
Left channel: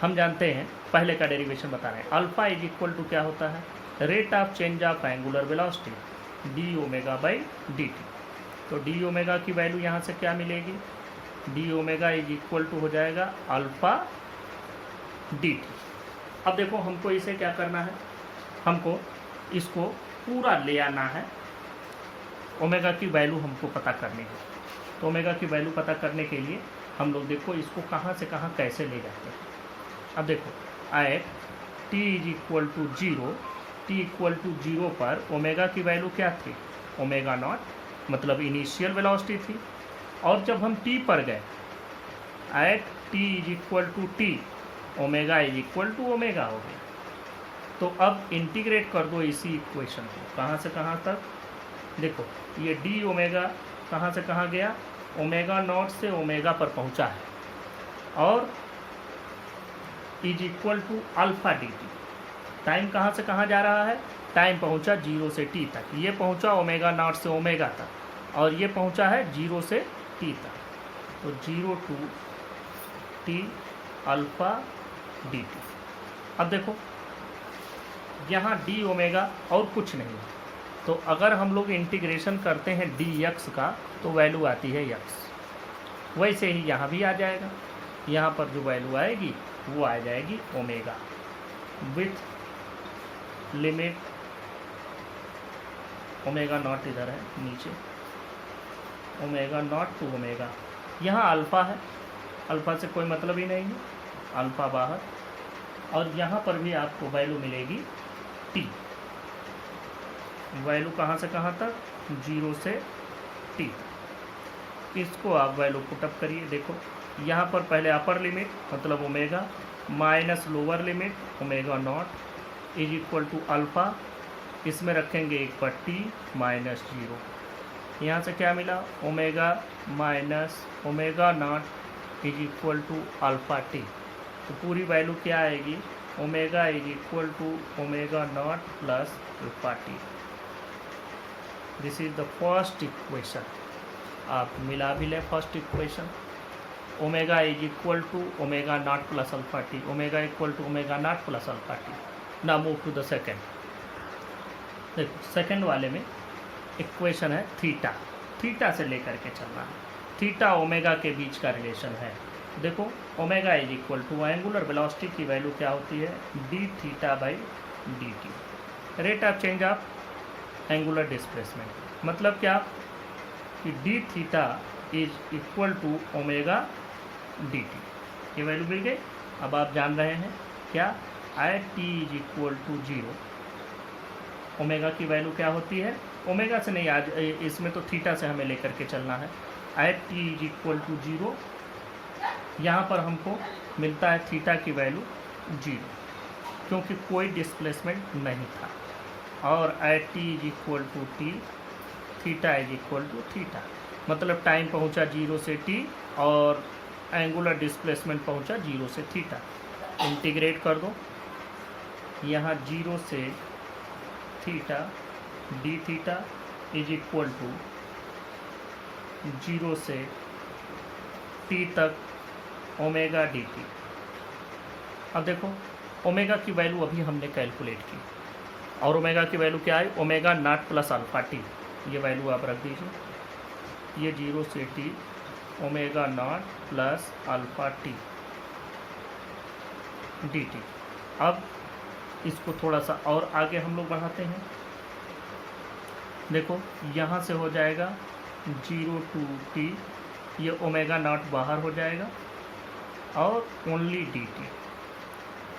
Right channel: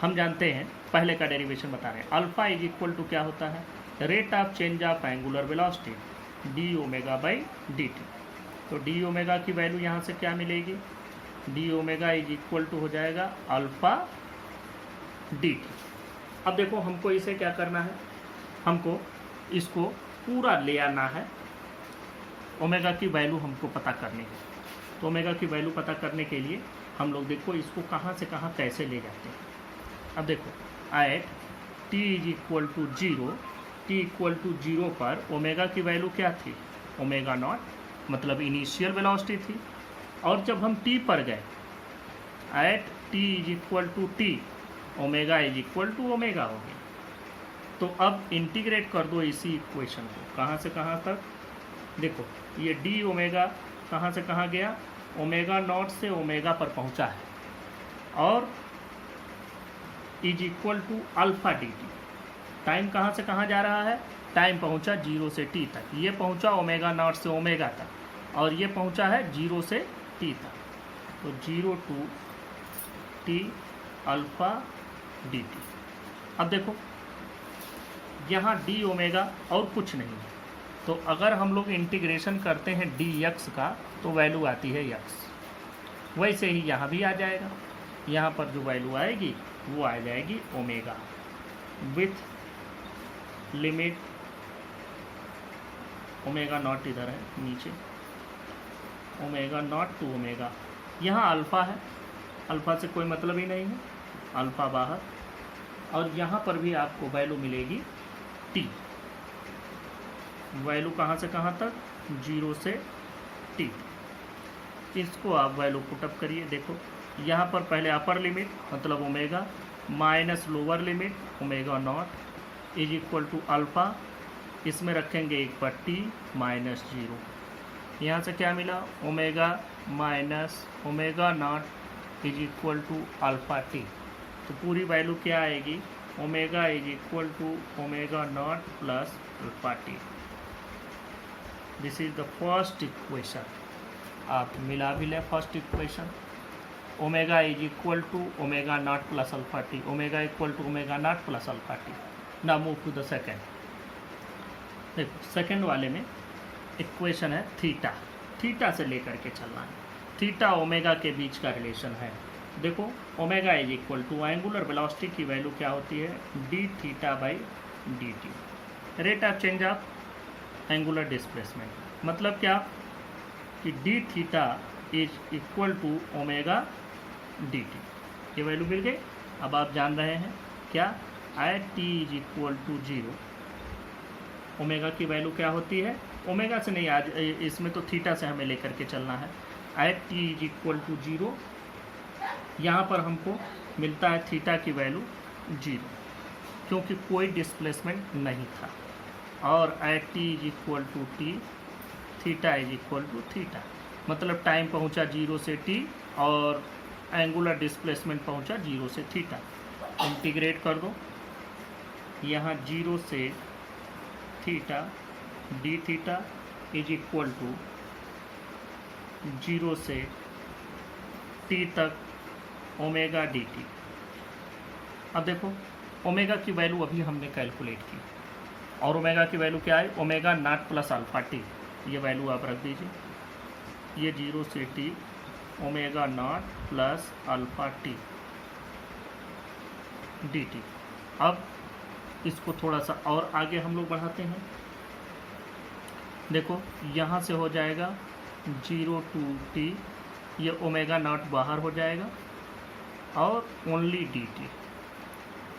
हम जानते हैं, पहले का डेरिवेशन बता रहे हैं। अल्फा इज इक्वल टू क्या होता है, rate of change of angular velocity D omega by D T. तो डी ओमेगा की वैल्यू यहाँ से क्या मिलेगी, D omega is equal to हो जाएगा अल्फा डी टी। अब देखो हमको इसे क्या करना है, हमको इसको पूरा ले आना है। ओमेगा की वैल्यू हमको पता करनी है। तो ओमेगा की वैल्यू पता करने के लिए हम लोग देखो इसको कहाँ से कहाँ कैसे ले जाते हैं। अब देखो at T is equal to zero, T equal to zero पर ओमेगा की वैल्यू क्या थी, ओमेगा नॉट, मतलब इनिशियल वेलोसिटी थी। और जब हम टी पर गए at T is equal to T, omega is equal to omega हो गया। तो अब इंटीग्रेट कर दो इसी इक्वेशन को, कहाँ से कहाँ तक। देखो ये डी ओमेगा कहाँ से कहाँ गया, ओमेगा नॉट से ओमेगा पर पहुँचा है, और is equal to alpha D T. Time कहाँ से कहाँ जा रहा है, टाइम पहुँचा जीरो से टी तक। ये पहुँचा ओमेगा नॉट से ओमेगा तक, और ये पहुँचा है जीरो से टी तक। तो zero to T alpha D T. अब देखो यहाँ डी ओमेगा और कुछ नहीं है। तो अगर हम लोग इंटीग्रेशन करते हैं डी एक्स का तो वैल्यू आती है एक्स। वैसे ही यहाँ भी आ जाएगा। यहाँ पर जो वैल्यू आएगी वो आ जाएगी omega with limit, omega not इधर है नीचे, ओमेगा नॉट टू ओमेगा। यहाँ अल्फ़ा है, अल्फ़ा से कोई मतलब ही नहीं है, अल्फ़ा बाहर। और यहाँ पर भी आपको वैल्यू मिलेगी टी। वैल्यू कहाँ से कहाँ तक, जीरो से टी। इसको आप वैल्यू पुटअप करिए। देखो यहाँ पर पहले अपर लिमिट मतलब omega minus lower limit omega naught is equal to alpha, इसमें रखेंगे एक पर टी माइनस जीरो। यहाँ से क्या मिला, omega minus omega naught is equal to alpha T. तो पूरी वैल्यू क्या आएगी, omega is equal to omega naught plus alpha T. This is the first equation. आप मिला भी लें first equation, omega is equal to omega naught plus alpha T, omega equal to omega naught plus alpha T. ना move to the second. देखो second वाले में equation है theta, theta से लेकर के चलना है। थीटा ओमेगा के बीच का रिलेशन है। देखो omega is equal to angular velocity की वैल्यू क्या होती है, D theta by D T, rate of change of angular displacement. मतलब क्या कि D theta is equal to omega D T. ये वैल्यू मिल गई। अब आप जान रहे हैं क्या, at T is equal to zero, omega की वैल्यू क्या होती है, ओमेगा से नहीं, आज इसमें तो थीटा से हमें लेकर के चलना है। At T is equal to zero, यहाँ पर हमको मिलता है थीटा की वैल्यू जीरो, क्योंकि कोई डिस्प्लेसमेंट नहीं था। और at T is equal to T, theta is equal to theta, मतलब टाइम पहुँचा जीरो से टी और एंगुलर डिस्प्लेसमेंट पहुँचा जीरो से थीटा। इंटीग्रेट कर दो, यहाँ जीरो से theta D theta is equal to zero से टी तक ओमेगा डी टी। अब देखो ओमेगा की वैल्यू अभी हमने कैलकुलेट की, और ओमेगा की वैल्यू क्या है, omega naught plus alpha T. ये वैल्यू आप रख दीजिए, ये जीरो से T omega naught plus alpha T D T. अब इसको थोड़ा सा और आगे हम लोग बढ़ाते हैं। देखो यहाँ से हो जाएगा जीरो टू टी, ये ओमेगा नॉट बाहर हो जाएगा, और ओनली डी टी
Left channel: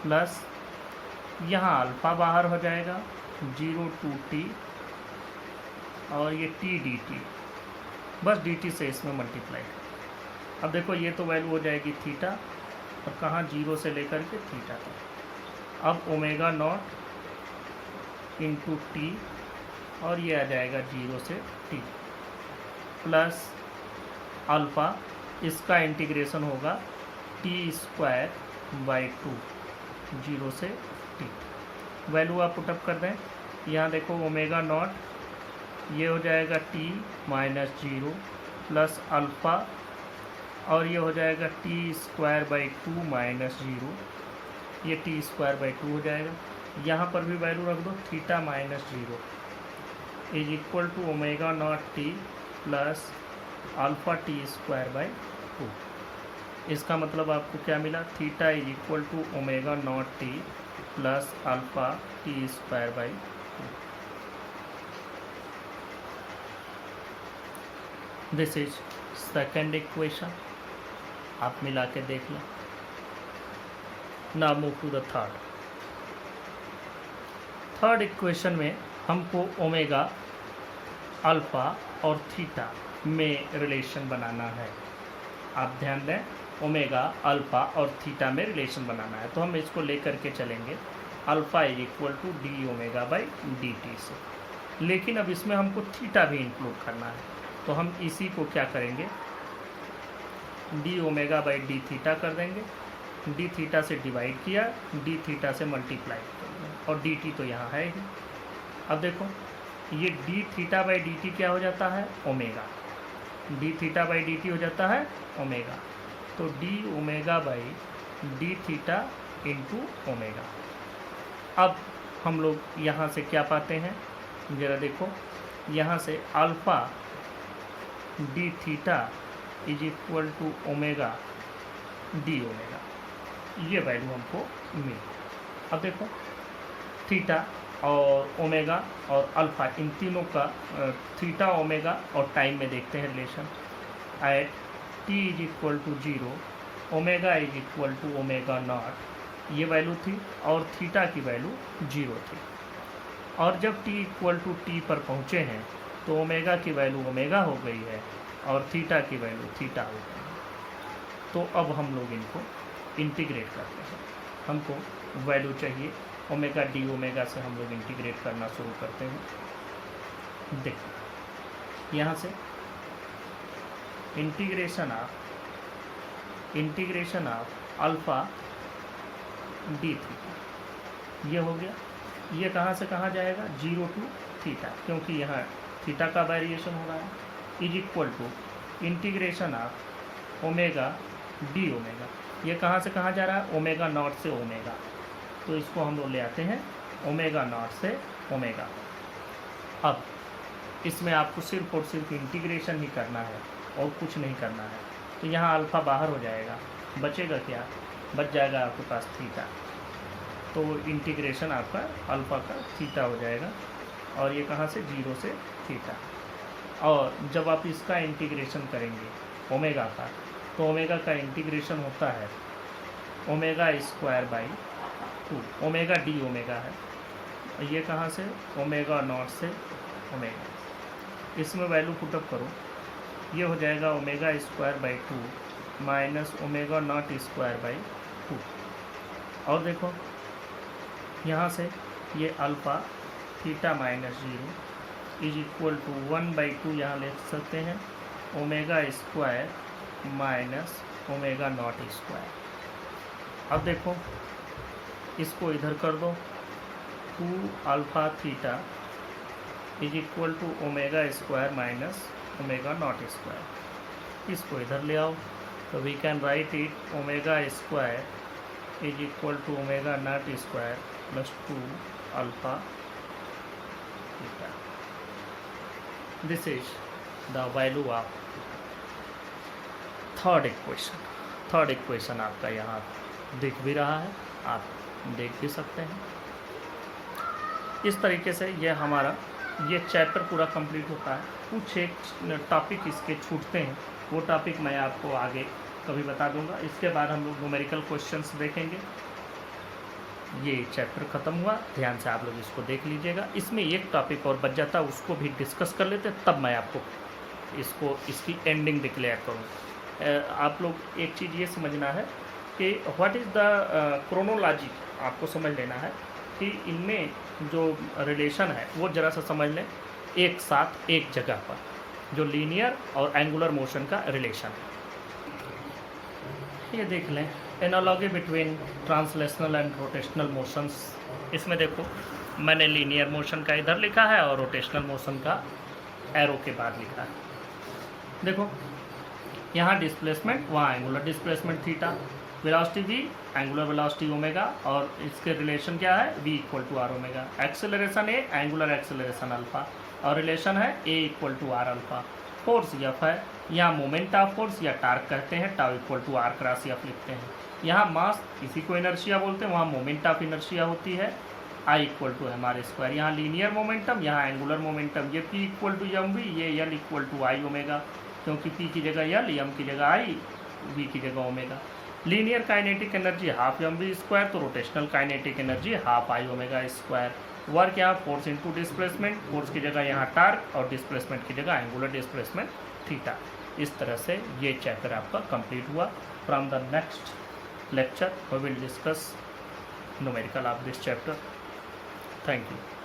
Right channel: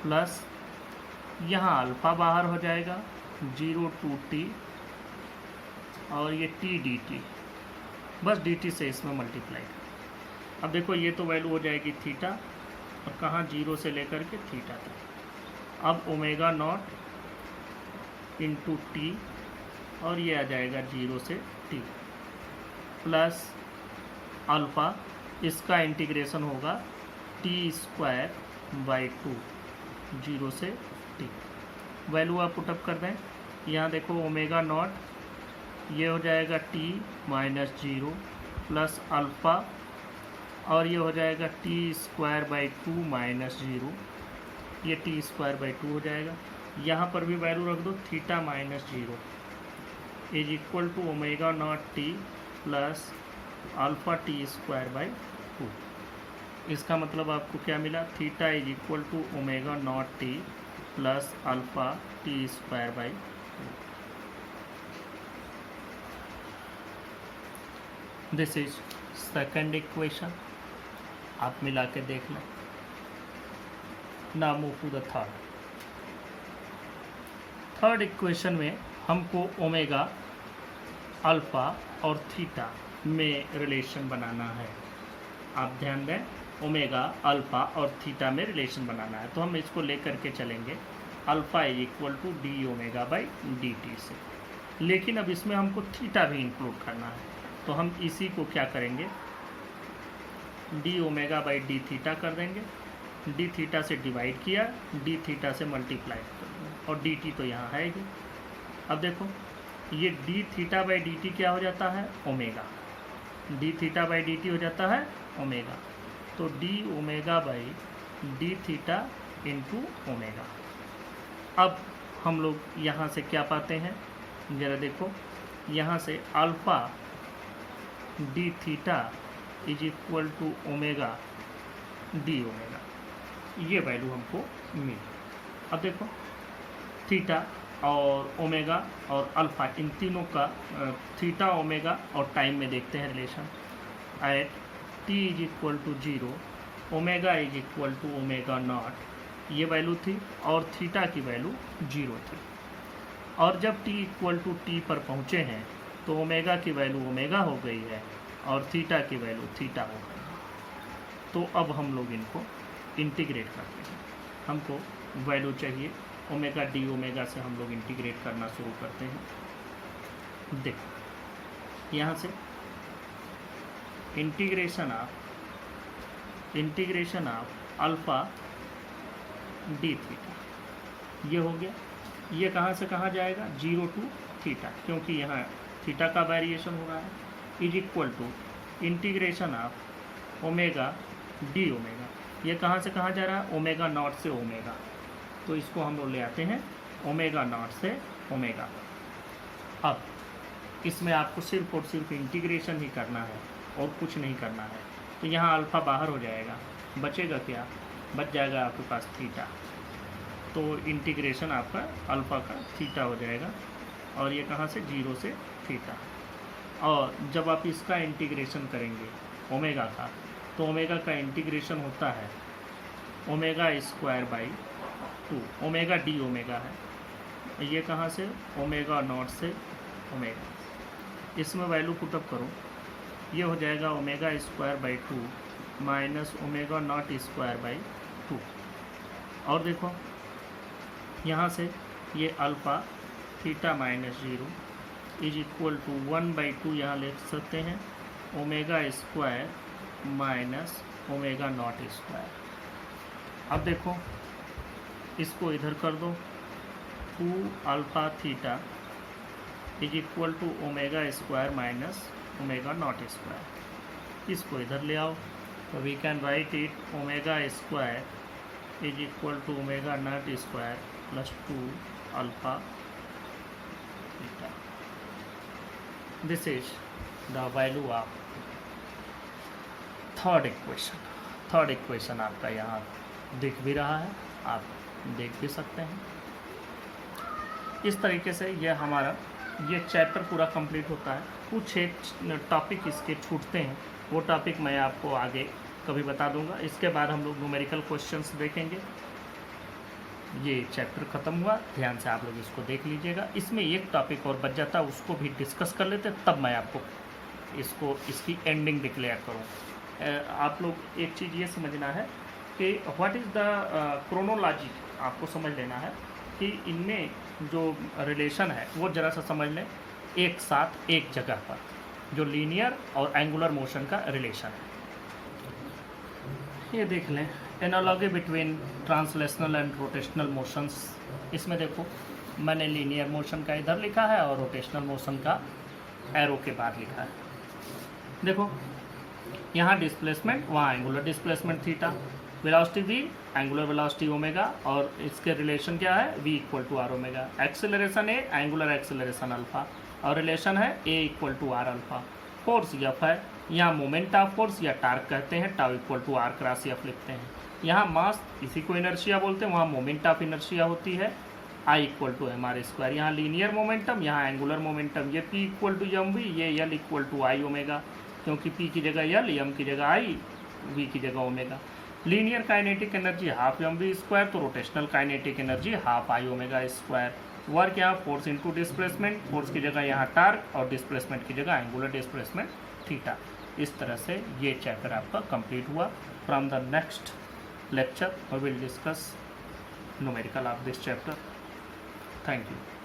प्लस यहाँ अल्फ़ा बाहर हो जाएगा, जीरो टू टी, और ये टी डी टी, बस डी टी से इसमें मल्टीप्लाई। अब देखो ये तो वैल्यू हो जाएगी थीटा, और कहाँ जीरो से लेकर के थीटा तक। अब ओमेगा नॉट इंटू टी, और ये आ जाएगा 0 से टी, प्लस अल्फ़ा, इसका इंटीग्रेशन होगा टी स्क्वायर बाई 2, 0 से टी। वैल्यू आप पुटअप कर दें, यहाँ देखो ओमेगा नॉट, ये हो जाएगा टी माइनस 0 प्लस अल्फ़ा, और ये हो जाएगा टी स्क्वायर बाई 2 माइनस 0, ये टी स्क्वायर बाई 2 हो जाएगा। यहाँ पर भी वैल्यू रख दो, theta minus 0 is equal to omega naught T plus alpha T square by 2। इसका मतलब आपको क्या मिला, theta is equal to omega naught T plus alpha T square by 2। This is second equation, आप मिला के देख लो। Now move to the third equation में हमको ओमेगा, अल्फ़ा और थीटा में रिलेशन बनाना है। आप ध्यान दें, ओमेगा, अल्फ़ा और थीटा में रिलेशन बनाना है, तो हम इसको लेकर के चलेंगे alpha is equal to D omega by D T से। लेकिन अब इसमें हमको थीटा भी इंक्लूड करना है, तो हम इसी को क्या करेंगे, D omega by D theta कर देंगे। डी थीटा से डिवाइड किया, डी थीटा से मल्टीप्लाई कर दिया, और डी टी तो यहाँ है ही। अब देखो, ये D theta by D T क्या हो जाता है, omega. D theta by D T हो जाता है ओमेगा, तो D omega by D theta into omega. अब हम लोग यहाँ से क्या पाते हैं, जरा देखो, यहाँ से alpha D theta is equal to omega D omega, ये वैल्यू हमको मिली। अब देखो, थीटा और ओमेगा और अल्फ़ा, इन तीनों का थीटा, ओमेगा और टाइम में देखते हैं relation. At T is equal to 0, omega is equal to omega naught, ये वैल्यू थी, और थीटा की वैल्यू 0 थी। और जब टी इक्वल टू टी पर पहुँचे हैं तो ओमेगा की वैल्यू ओमेगा हो गई है और थीटा की वैल्यू थीटा हो गई है। तो अब हम लोग इनको इंटीग्रेट करते हैं। हमको वैल्यू चाहिए ओमेगा डी ओमेगा से, हम लोग इंटीग्रेट करना शुरू करते हैं। देखो, यहाँ से integration of alpha D theta, ये हो गया। ये कहाँ से कहाँ जाएगा, 0 टू थीटा, क्योंकि यहाँ थीटा का वेरिएशन हो रहा है, is equal to integration of omega D omega. ये कहाँ से कहाँ जा रहा है, ओमेगा नॉट से ओमेगा, तो इसको हम लोग ले आते हैं ओमेगा नॉट से ओमेगा। अब इसमें आपको सिर्फ और सिर्फ इंटीग्रेशन ही करना है और कुछ नहीं करना है। तो यहाँ अल्फ़ा बाहर हो जाएगा, बचेगा क्या, बच जाएगा आपके पास थीटा। तो इंटीग्रेशन आपका अल्फ़ा का थीटा हो जाएगा, और ये कहाँ से, 0 से थीटा। और जब आप इसका इंटीग्रेशन करेंगे ओमेगा का, तो ओमेगा का इंटीग्रेशन होता है omega square by 2, omega D omega है, ये कहाँ से, ओमेगा नॉट से ओमेगा। इसमें वैल्यू पुटअप करो, ये हो जाएगा omega square by 2 minus omega naught square by 2। और देखो, यहाँ से ये alpha theta minus 0 is equal to 1/2, यहाँ लिख सकते हैं omega square minus omega naught square. अब देखो, इसको इधर कर दो, 2 alpha theta is equal to omega square minus omega naught square. इसको इधर ले आओ, तो we can write it omega square is equal to omega naught square plus 2 alpha theta. This is the value of third equation आपका यहाँ दिख भी रहा है, आप देख भी सकते हैं। इस तरीके से यह हमारा ये चैप्टर पूरा कंप्लीट होता है। कुछ एक टॉपिक इसके छूटते हैं, वो टॉपिक मैं आपको आगे कभी बता दूंगा। इसके बाद हम लोग न्यूमेरिकल क्वेश्चंस देखेंगे। ये चैप्टर ख़त्म हुआ, ध्यान से आप लोग इसको देख लीजिएगा। इसमें एक टॉपिक और बच जाता, उसको भी डिस्कस कर लेते, तब मैं आपको इसकी एंडिंग डिक्लेयर करूँ। आप लोग एक चीज़ ये समझना है कि व्हाट इज़ द क्रोनोलॉजी, आपको समझ लेना है कि इनमें जो रिलेशन है वो ज़रा सा समझ लें, एक साथ एक जगह पर जो लीनियर और एंगुलर मोशन का रिलेशन है। ये देख लें, analogy between translational and rotational motions. इसमें देखो मैंने लीनियर मोशन का इधर लिखा है और रोटेशनल मोशन का एरो के बाद लिखा है। देखो यहाँ डिस्प्लेसमेंट, वहाँ angular displacement theta, velocity v, angular velocity omega, और इसके रिलेशन क्या है v equal to R omega. Acceleration A, angular acceleration alpha, और रिलेशन है a equal to R alpha. Force F है, यहाँ मोमेंट ऑफ फोर्स या टार्क कहते हैं, tau equal to R cross F लिखते हैं। यहाँ मास, इसी को इनर्शिया बोलते हैं, वहाँ मोमेंट ऑफ इनर्शिया होती है I equal to M are square. यहाँ लीनियर मोमेंटम, यहाँ एंगुलर मोमेंटम, ये P equal to M V, ये L equal to I omega, क्योंकि P की जगह L, M की जगह I, V की जगह omega. Linear kinetic energy half M V square, तो rotational kinetic energy half I omega square. Work यहाँ फोर्स इंटू डिस्प्लेसमेंट, फोर्स की जगह यहाँ टार्क और डिस्प्लेसमेंट की जगह एंगुलर डिस्प्लेसमेंट थीटा। इस तरह से ये चैप्टर आपका कंप्लीट हुआ। From the next lecture we will discuss numerical of this chapter. Thank you.